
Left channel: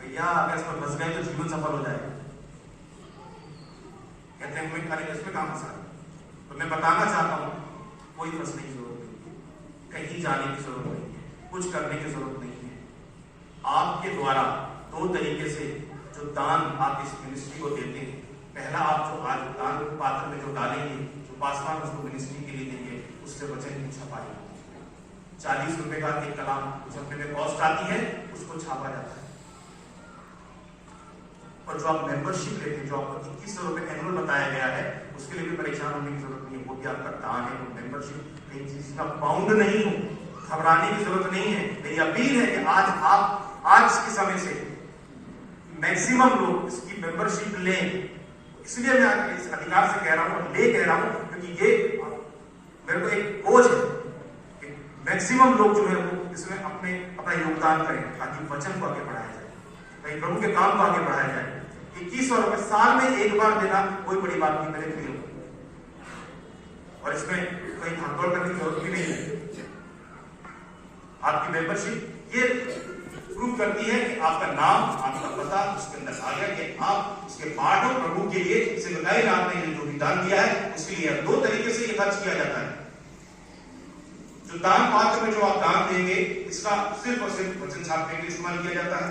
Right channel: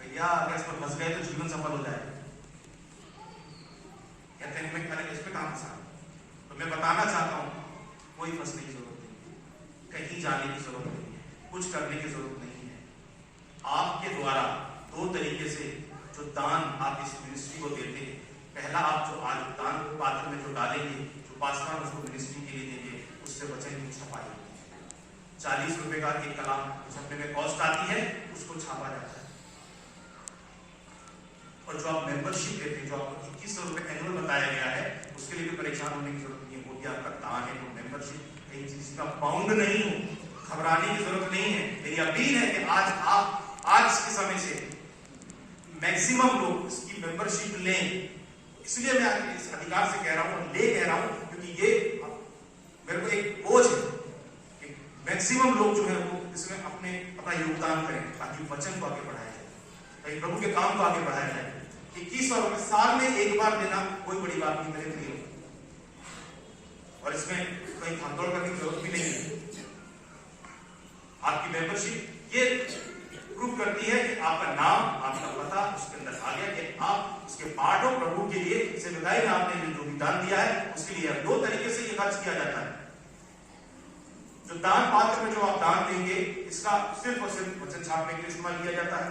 भैया अगर इसमें फंस गए तो जीवन सफल हो जाएगा। कहते हैं अरे इसमें कहां फंसा, तो मैं बताना चाहता हूं कोई फंसने की जरूरत नहीं है, कहीं जाने की जरूरत नहीं है, कुछ करने की जरूरत नहीं है। आपके द्वारा 2 तरीके से जो दान आप इस मिनिस्ट्री को देते हैं, पहला आप जो आज दान पात्र में जो डालेंगे, जो पासवान उसको मिनिस्ट्री के लिए देंगे, उससे वचन की छपाई 40 रुपए का एक कलाम छपने में कॉस्ट आती है, उसको छापा जाता है। और जो आप मेंबरशिप लेते हैं, जो आपको 2100 रुपए एनुअल बताया गया है, उसके लिए भी परेशान होने की जरूरत नहीं है। वो भी आपका दान है, वो मेंबरशिप कहीं चीज का बाउंड नहीं हो, घबराने की जरूरत नहीं है। मेरी अपील है कि आज के समय से मैक्सिमम लोग इसकी मेंबरशिप लें। इसलिए मैं इस अधिकार से कह रहा हूं और ले कह रहा हूं क्योंकि ये मेरे को एक बोझ है कि मैक्सिमम लोग जो है वो इसमें अपना योगदान करें ताकि वचन को आगे बढ़ाया जाए, ताकि प्रभु के काम को आगे बढ़ाया जाए। 2100 रुपए साल में एक बार देना कोई बड़ी बात नहीं, मेरे प्रियो, और इसमें कहीं भागदौड़ करने की जरूरत भी नहीं है। आपकी मेंबरशिप ये प्रूव करती है कि आपका नाम, आपका पता उसके अंदर आ गया कि आप उसके पार्ट हो। प्रभु के लिए सेवकाई में आपने जो भी दान दिया है उसके लिए 2 तरीके से ये खर्च किया जाता है। जो दान पात्र में जो आप दान देंगे, इसका सिर्फ और सिर्फ वचन छापने के लिए इस्तेमाल किया जाता है।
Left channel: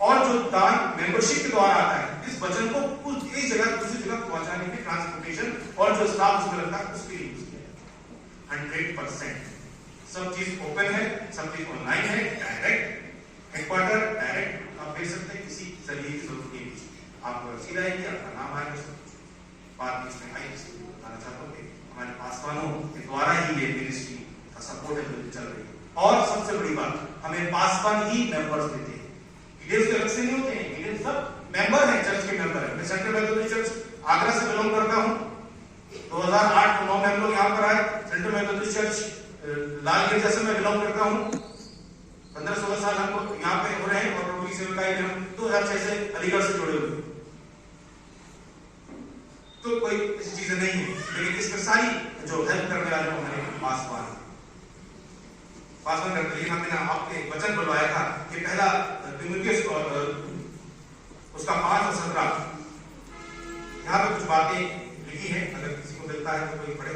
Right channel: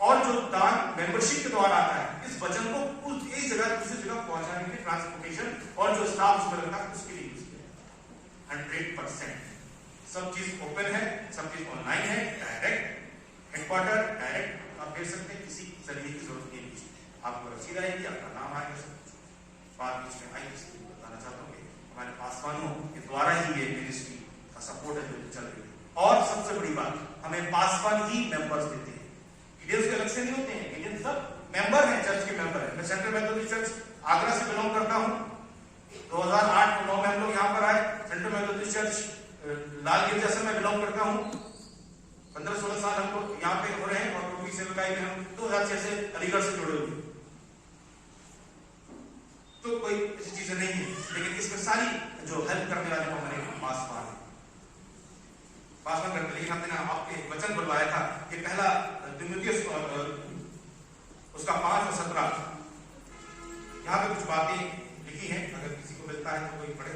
और जो दान मेंबरशिप के द्वारा आता है, इस वचन को एक जगह दूसरी जगह पहुंचाने के लिए ट्रांसपोर्टेशन और जो स्टाफ उसमें लगता है उसके लिए यूज किया जाता है। 100% सब चीज ओपन है, सब चीज ऑनलाइन है, डायरेक्ट हेडक्वार्टर डायरेक्ट आप भेज सकते हैं, किसी जरिए की जरूरत नहीं है। आपको रसीद आएगी, आपका नाम आएगा, सब कुछ बात इसमें आई। इसलिए बताना चाहता हूँ कि हमारे पासवानों के द्वारा ही ये मिनिस्ट्री का सपोर्ट है जो चल रही है। और सबसे बड़ी बात, हमें पासवान ही मेंबर्स देते हैं, लीडर्स के अलग से नहीं होते हैं। लीडर्स सब मेंबर हैं, चर्च के मेंबर हैं। मैं सेंट्रल मेथोडिस्ट चर्च आगरा से बिलोंग करता हूँ। 2008 में 9 में हम लोग यहाँ पर आए। सेंट्रल मेथोडिस्ट चर्च लालगंज से मैं बिलोंग करता हूँ। 15-16 साल हमको यहाँ पे हो रहे हैं और प्रभु की सेवकाई में हम 2006 से अलीगढ़ से जुड़े हुए। तो कोई ऐसी चीजें नहीं है, लेकिन इसमें सारी जो हेल्प करने वाले हमारे पासवान करते। लेकिन हमने आपके वचन बुलवाया था कि पहला तिमुथियुस उसका 5 और 17 यहाँ पे कुछ बातें लिखी है। अगर किसी को मिलता है तो कोई पढ़े।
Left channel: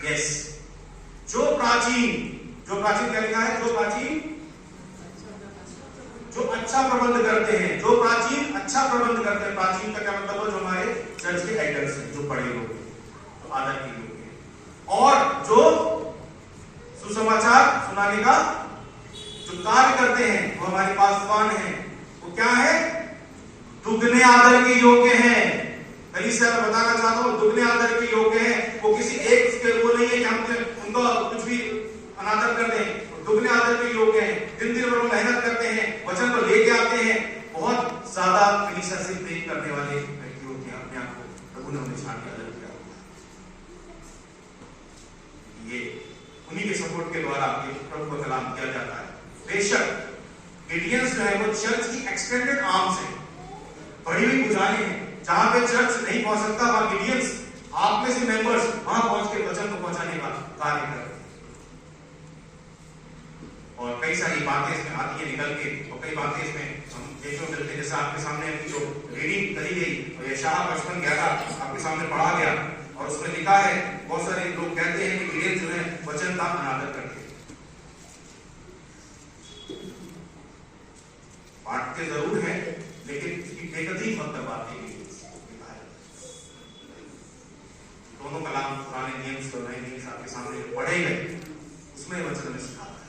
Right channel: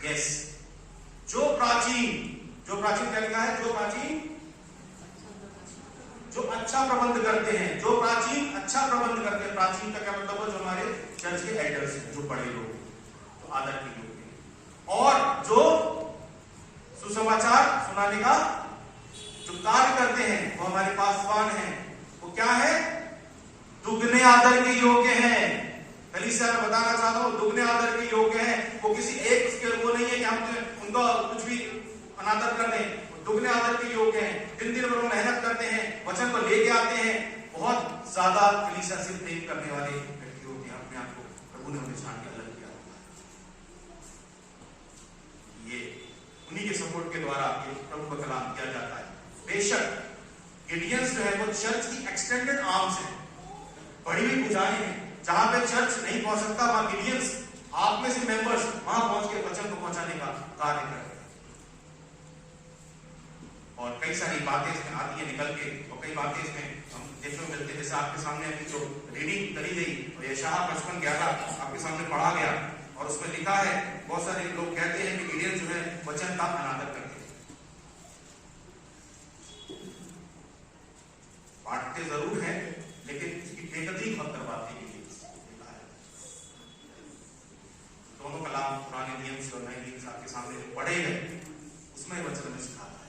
यस, जो प्राचीन क्या लिखा है, जो अच्छा प्रबंध करते हैं, जो प्राचीन अच्छा प्रबंध करते हैं, प्राचीन का क्या मतलब है, जो हमारे चर्च के एल्डर्स हैं, जो बड़े लोग हैं, जो आदर के लोग हैं, और जो सुसमाचार सुनाने का जो कार्य करते हैं, वो हमारे पासवान हैं, वो क्या है, दुगने आदर के योग्य हैं। कलीसिया में बताना चाहता हूं, दुगने आदर के योग्य हैं। वो किसी एक के वो नहीं है कि हम उनका कुछ भी अनादर कर दें, दुगने आदर के योग्य हैं। दिन दिन भर मेहनत करते हैं, वचन को लेके आते हैं, बहुत ज्यादा कलीसिया से प्रेम करने वाले व्यक्ति होते हैं। अपने आप को प्रभु ने उन्हें छान के अलग किया, ये उन्हीं के सपोर्ट के द्वारा प्रभु का कलाम किया जाता है। बेशक गिडियंस जो है वो चर्च की एक्सटेंडेड आर्म्स है, बड़ी हुई भुजाएं हैं। जहां पे चर्च नहीं पहुंच सकता, वहां गिडियंस, आप में से मेंबर्स वहां पहुंच के वचन को पहुंचाने का कार्य करते हैं। और कई सारी बातें इसमें आती है निकल के, और कई बातें इसमें हम देखने को मिलते हैं। जैसे आपके सामने जो रीडिंग करी गई, और यशायाह 55:11 आपके सामने पढ़ा गया, और उसमें लिखा है, बहुत सारे लोग कहते हैं कि गिडियंस जो है वचन का अनादर करते हैं। बांटते जरूर है, लेकिन इसकी बेकदरी मत करवाते हैं। दोनों कलाम, पुराने नियम और नए नियम आपके सामने जो पढ़े गए, उसमें वचन में सिखाता है।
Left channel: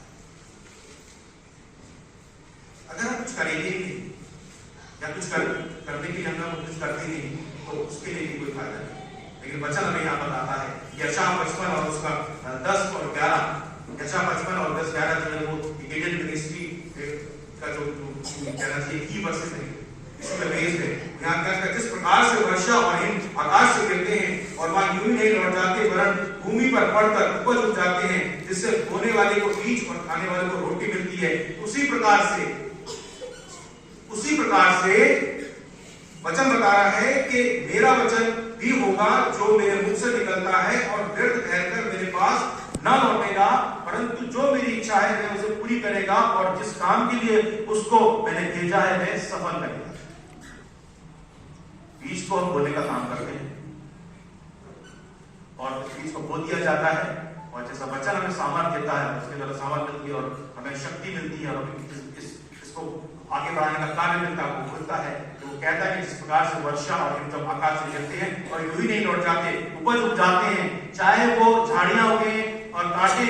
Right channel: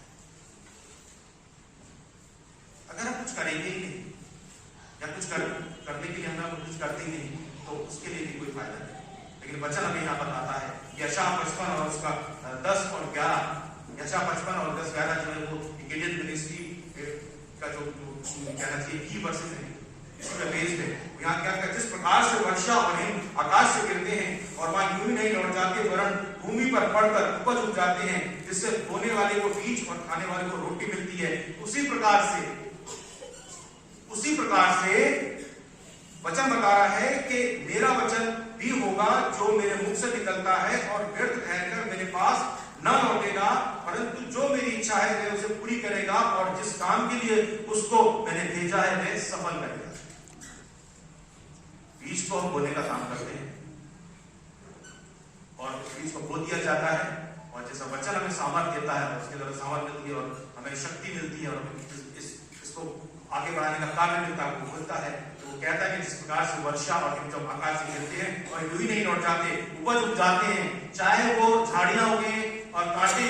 अगर हम कुछ करेंगे ही नहीं, या कुछ करने के लिए हम कुछ करते ही नहीं, तो उसके लिए भी कोई फायदा नहीं। लेकिन वचन हमें यहाँ बताता है, यशायाह 55 और उसका 10 और 11, यशायाह 55 और 10-11 जो है वो गिडियन मिनिस्ट्री का जो कहना चाहिए की वर्सेस है, इसमें बेस्ड है। यहाँ क्या कहता है, जिस प्रकार से वर्षा और हिम आकाश से गिरते हैं और वहां यूं ही नहीं लौट जाते, वरन भूमि पर पड़कर उपज उग जाते हैं, जिससे बोने वाले को बीज और खाने वाले को रोटी मिलती है, उसी प्रकार से वचन बता रहा है कि मेरा वचन भी होगा जो मेरे मुख से निकलता है, और व्यर्थ कहकर मेरे पास न लौटेगा, परंतु जो मेरी इच्छा है मैं उसे पूरी करेगा, और जिस काम के लिए उसको मैंने भेजा है मैं सफल करेगा। बीज को हम बोने का काम करते हैं, और बीज को बो दिया जाता है, और जैसा वचन हमें सामर्थ्य देता है, उसके द्वारा सामर्थ्य मिलती है, और हमें शक्ति मिलती है, और हमें इसको आगे बढ़ाने का कार्य मिलता है। वो बोलता है, वो कहता है कि जिस प्रकार से वर्षा और हिम जब आकाश से गिरते हैं और यूं ही नहीं लौट जाते, उपज उग जाते हैं, चाहे वो झाड़ियां उगे और कांटे,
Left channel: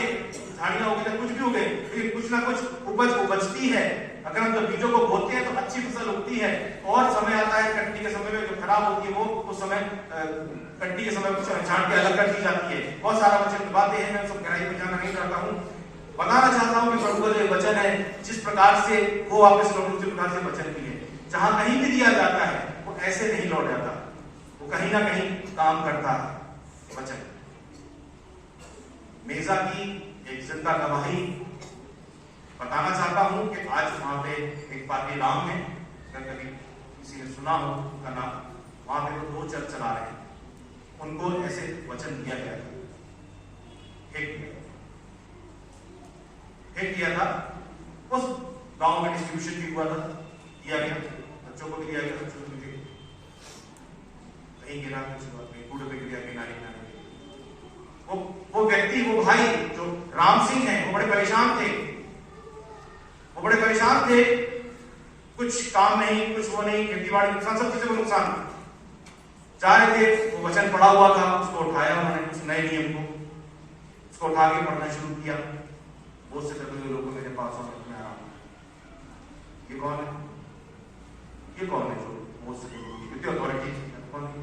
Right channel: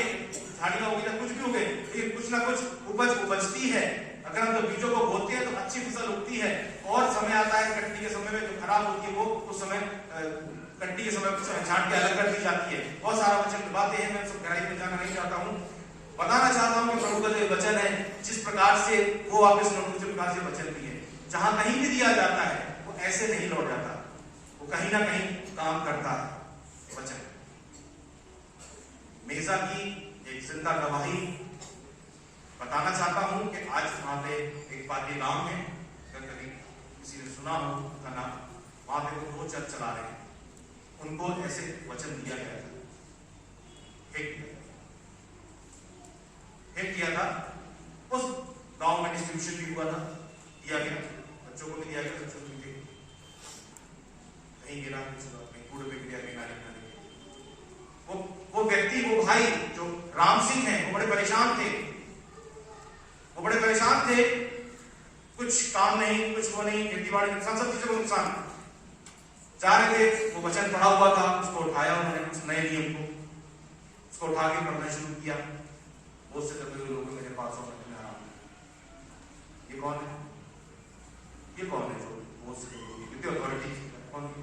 झाड़ियां उगी तो कुछ भी उगे, लेकिन कुछ ना कुछ उपज उपजती है। अगर हम जब बीजों को बोते हैं तो अच्छी फसल उगती है, और समय आता है कटनी के समय में जो खराब होती है, वो उस समय कटनी के समय छांट के अलग कर दी जाती है। बहुत सारा वचन की बातें हैं, मैं सब गहराई में जाना नहीं चाहता हूँ। बताना चाहता हूं कि प्रभु का जो वचन है, जिस प्रकार से वो वापस लौट, उसी प्रकार से वचन भी है। जहां कहीं भी दिया जाता है वो ऐसे नहीं लौट जाता, वो कहीं ना कहीं काम करता है। वचन मेजा की एक जिंदा गवाही बताना चाहता हूं कि आज वहां पे एक पादरी राम है, अगर कभी किसी ने सुना हो उनका नाम, वहां पे वो 2 चर्च चला रहे हैं, उनको ऐसे वचन दिया गया था, एक किया था, उस गांव में डिस्ट्रीब्यूशन भी हुआ था, दिया गया, बच्चों को भी दिया गया, बच्चों को भी कहीं गिरा, कहीं कूड़े पे गिरा, कहीं नाली में गिरा। वो व्यक्ति, वो भाई जो राम सिंह है, वो बड़े परेशान थे, कुछ काम नहीं, कुछ वो नहीं, खेती बाड़ी नुकसान, सब चीजों को नुकसान। जा रहे थे, वो वचन पढ़ा हुआ था, उसको उठाया उन्होंने, उस नए नियम को उसको उठा के पढ़ना शुरू किया। बहुत से तरह के लोग मेरे पास में आ रहा हूं, ये कौन है जो बहुत से लोग, कितनी अथॉरिटी कौन है?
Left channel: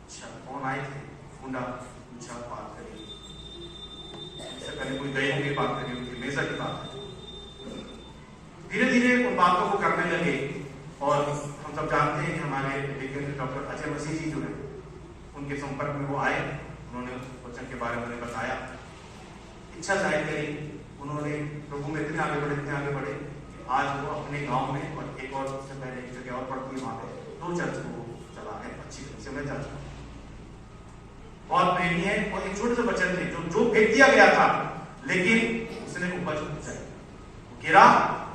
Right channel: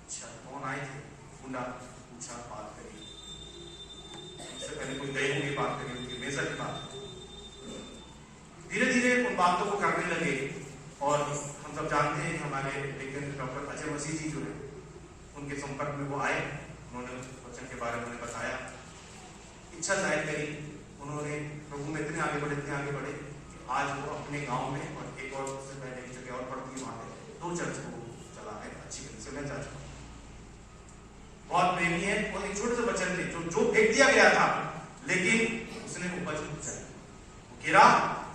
अच्छा, कौन आए थे? गुंडा पूछा, बात करी, उससे पहले कोई गए होंगे, बात करी, उनकी मेजा की बात करी। धीरे धीरे उन बातों को करने लगे, और हम सब जानते हैं हमारे डॉक्टर अजय मसीह जी जो है, उनके संपर्क में वो आए, उन्होंने वचन के बारे में बताया, इच्छा जाहिर करी। उन्होंने प्रभु में इतने आगे बढ़े कि आज वो अपने गांव में, और एक और उससे पहले एक जगह और पड़ती है, वहां पे 2 चर्च को चला है, अच्छी से मैं जा चुका, बहुत प्रेमी है। और एक छोटे से बच्चन थे जो फेंक दिया गया था, लेकिन उसने उपज उपजाई, गिरा,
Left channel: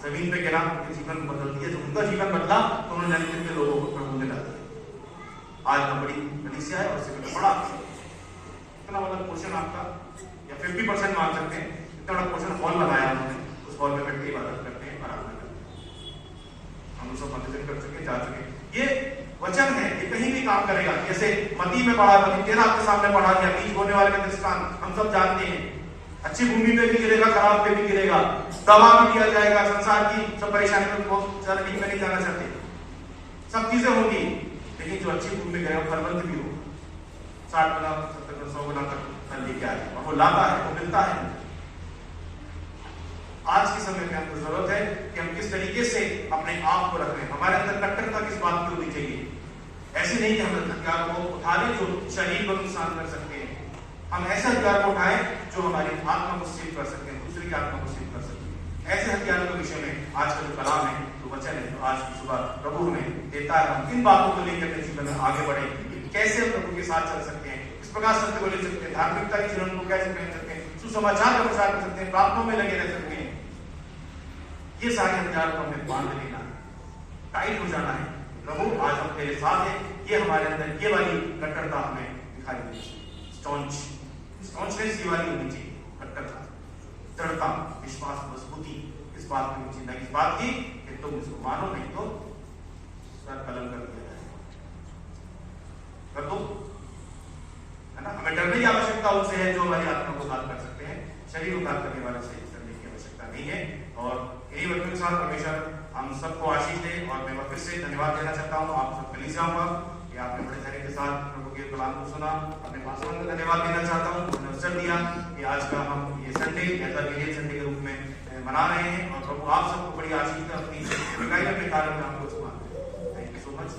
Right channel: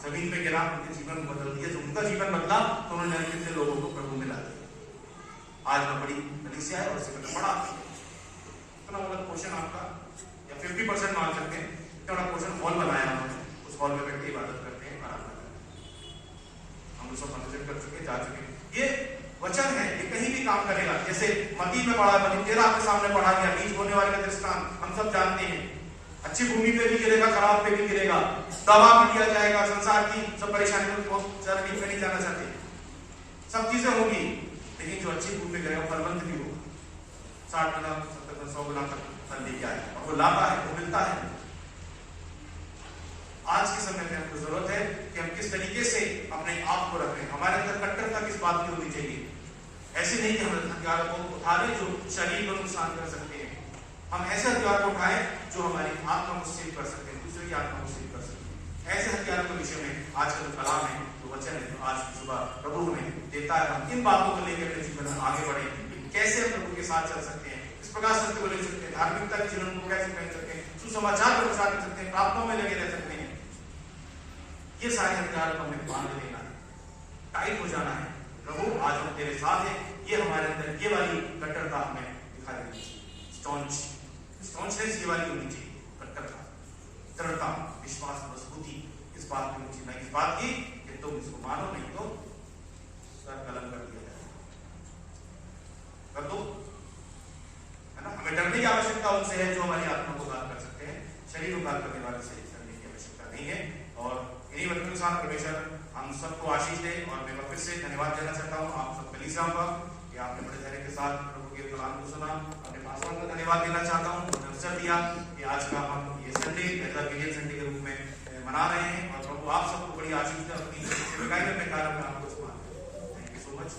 जमीन पे गिरा, उनके जीवन को बदल दिया। जो उनका जीवन बदला तो उन्होंने जाने कितने लोगों को प्रभु में डाल दिया। आज बड़ी कलीसिया है, और उससे बड़ा इतना बड़ा पोर्शन आपका, या 50% मान सकते हैं, इतना बड़ा पोर्शन हॉल बनाया उन्होंने, उस हॉल में बैठ के इबादत करते हैं, आराधना करते हैं। हम सब ऑडिशन कर चुके, जा चुके। ये वचन है, ये कहीं भी काम करेगा। जैसे मती में पढ़ा, मती 13 आपके सामने पढ़ा गया, बीज बोने वाले का दृष्टांत हम सब जानते हैं। अच्छी भूमि पे भी गिरेगा, खराब पे भी गिरेगा, दवा भी दिया जाएगा। संसार की सब परेशानी में बहुत ज्यादा डीप में नहीं जाना चाहते, सब चीजें होंगी, लेकिन जो अच्छी भूमि में गिरेगा फलवंत भी होगा, 60 गुना 70 गुना 100 गुना तक फल लेके आएगा, और वो लाता है, वो मिलता है। आज के समय में हमको जरूरत है कि हम किस तरीके से अपने आप को रखें। हमारे अंदर कट्टरता किस बात की होनी चाहिए। ऐसे नहीं कि हम हथियारों को उठा लें जो शरीर को नुकसान कर सकते हैं। हम ऐसे हथियार को उठाएं जो हमारी आत्मा को सेव कर सकते हैं, दूसरे की आत्मा को सेव कर सकते हैं। ऐसे हथियारों के विषय में आज का जो कलाम है, जो वचन है, जो आज की सुबह प्रभु हमें देता है, हम किन बातों को लेकर अपने जीवन में आगे बढ़े, कैसे हम प्रभु के साथ चल सकते हैं, किस प्रकार सत्य को ले सकते हैं, धार्मिकता के जीवन को कैसे पहन सकते हैं, सुसमाचार का प्रचार कर सकते हैं, प्रार्थनाओं में लगे रह सकते हैं। ये सारे हथियार को हमें बांध लेना है, टाइट हो जाना है। प्रभु आज हम तेरे साथ हैं, ये हमारे अंदर ये वाली कट्टरता हमें दिखाई देनी चाहिए। स्टॉन्चनेस ये वाली होनी चाहिए, कट्टरता, दृढ़ता, विश्वास, मजबूती इस बात की होनी चाहिए, इस बात की कि तुम इसको मानो, नहीं तो सर कलम कर दिया जाएगा। कर दो, है ना। हमें डरने की आवश्यकता उनसे है जो हमारी आत्मा को घात कर सकते हैं, शरीर को घात करने वाले से डरने की आवश्यकता नहीं है। और इन्हीं वचनों के साथ परमेश्वर हम सबको आशीष दे। और मैं फिर से धन्यवाद देना चाहता हूँ आप सब कलीसियाओं का कि आपने बड़े धैर्य के साथ प्रभु के कलाम को सुना। अपने पासवान को धन्यवाद देना चाहता हूँ, उन्होंने अवसर दिया कि आज का हम ये संडे एज अ गिलियन संडे के रूप में मना रहे हैं। और प्रभु आप सबको बड़ी आशीष दे, अपनी सेवकाई अपने कार्य में आपको इस्तेमाल करें। Thank you so much.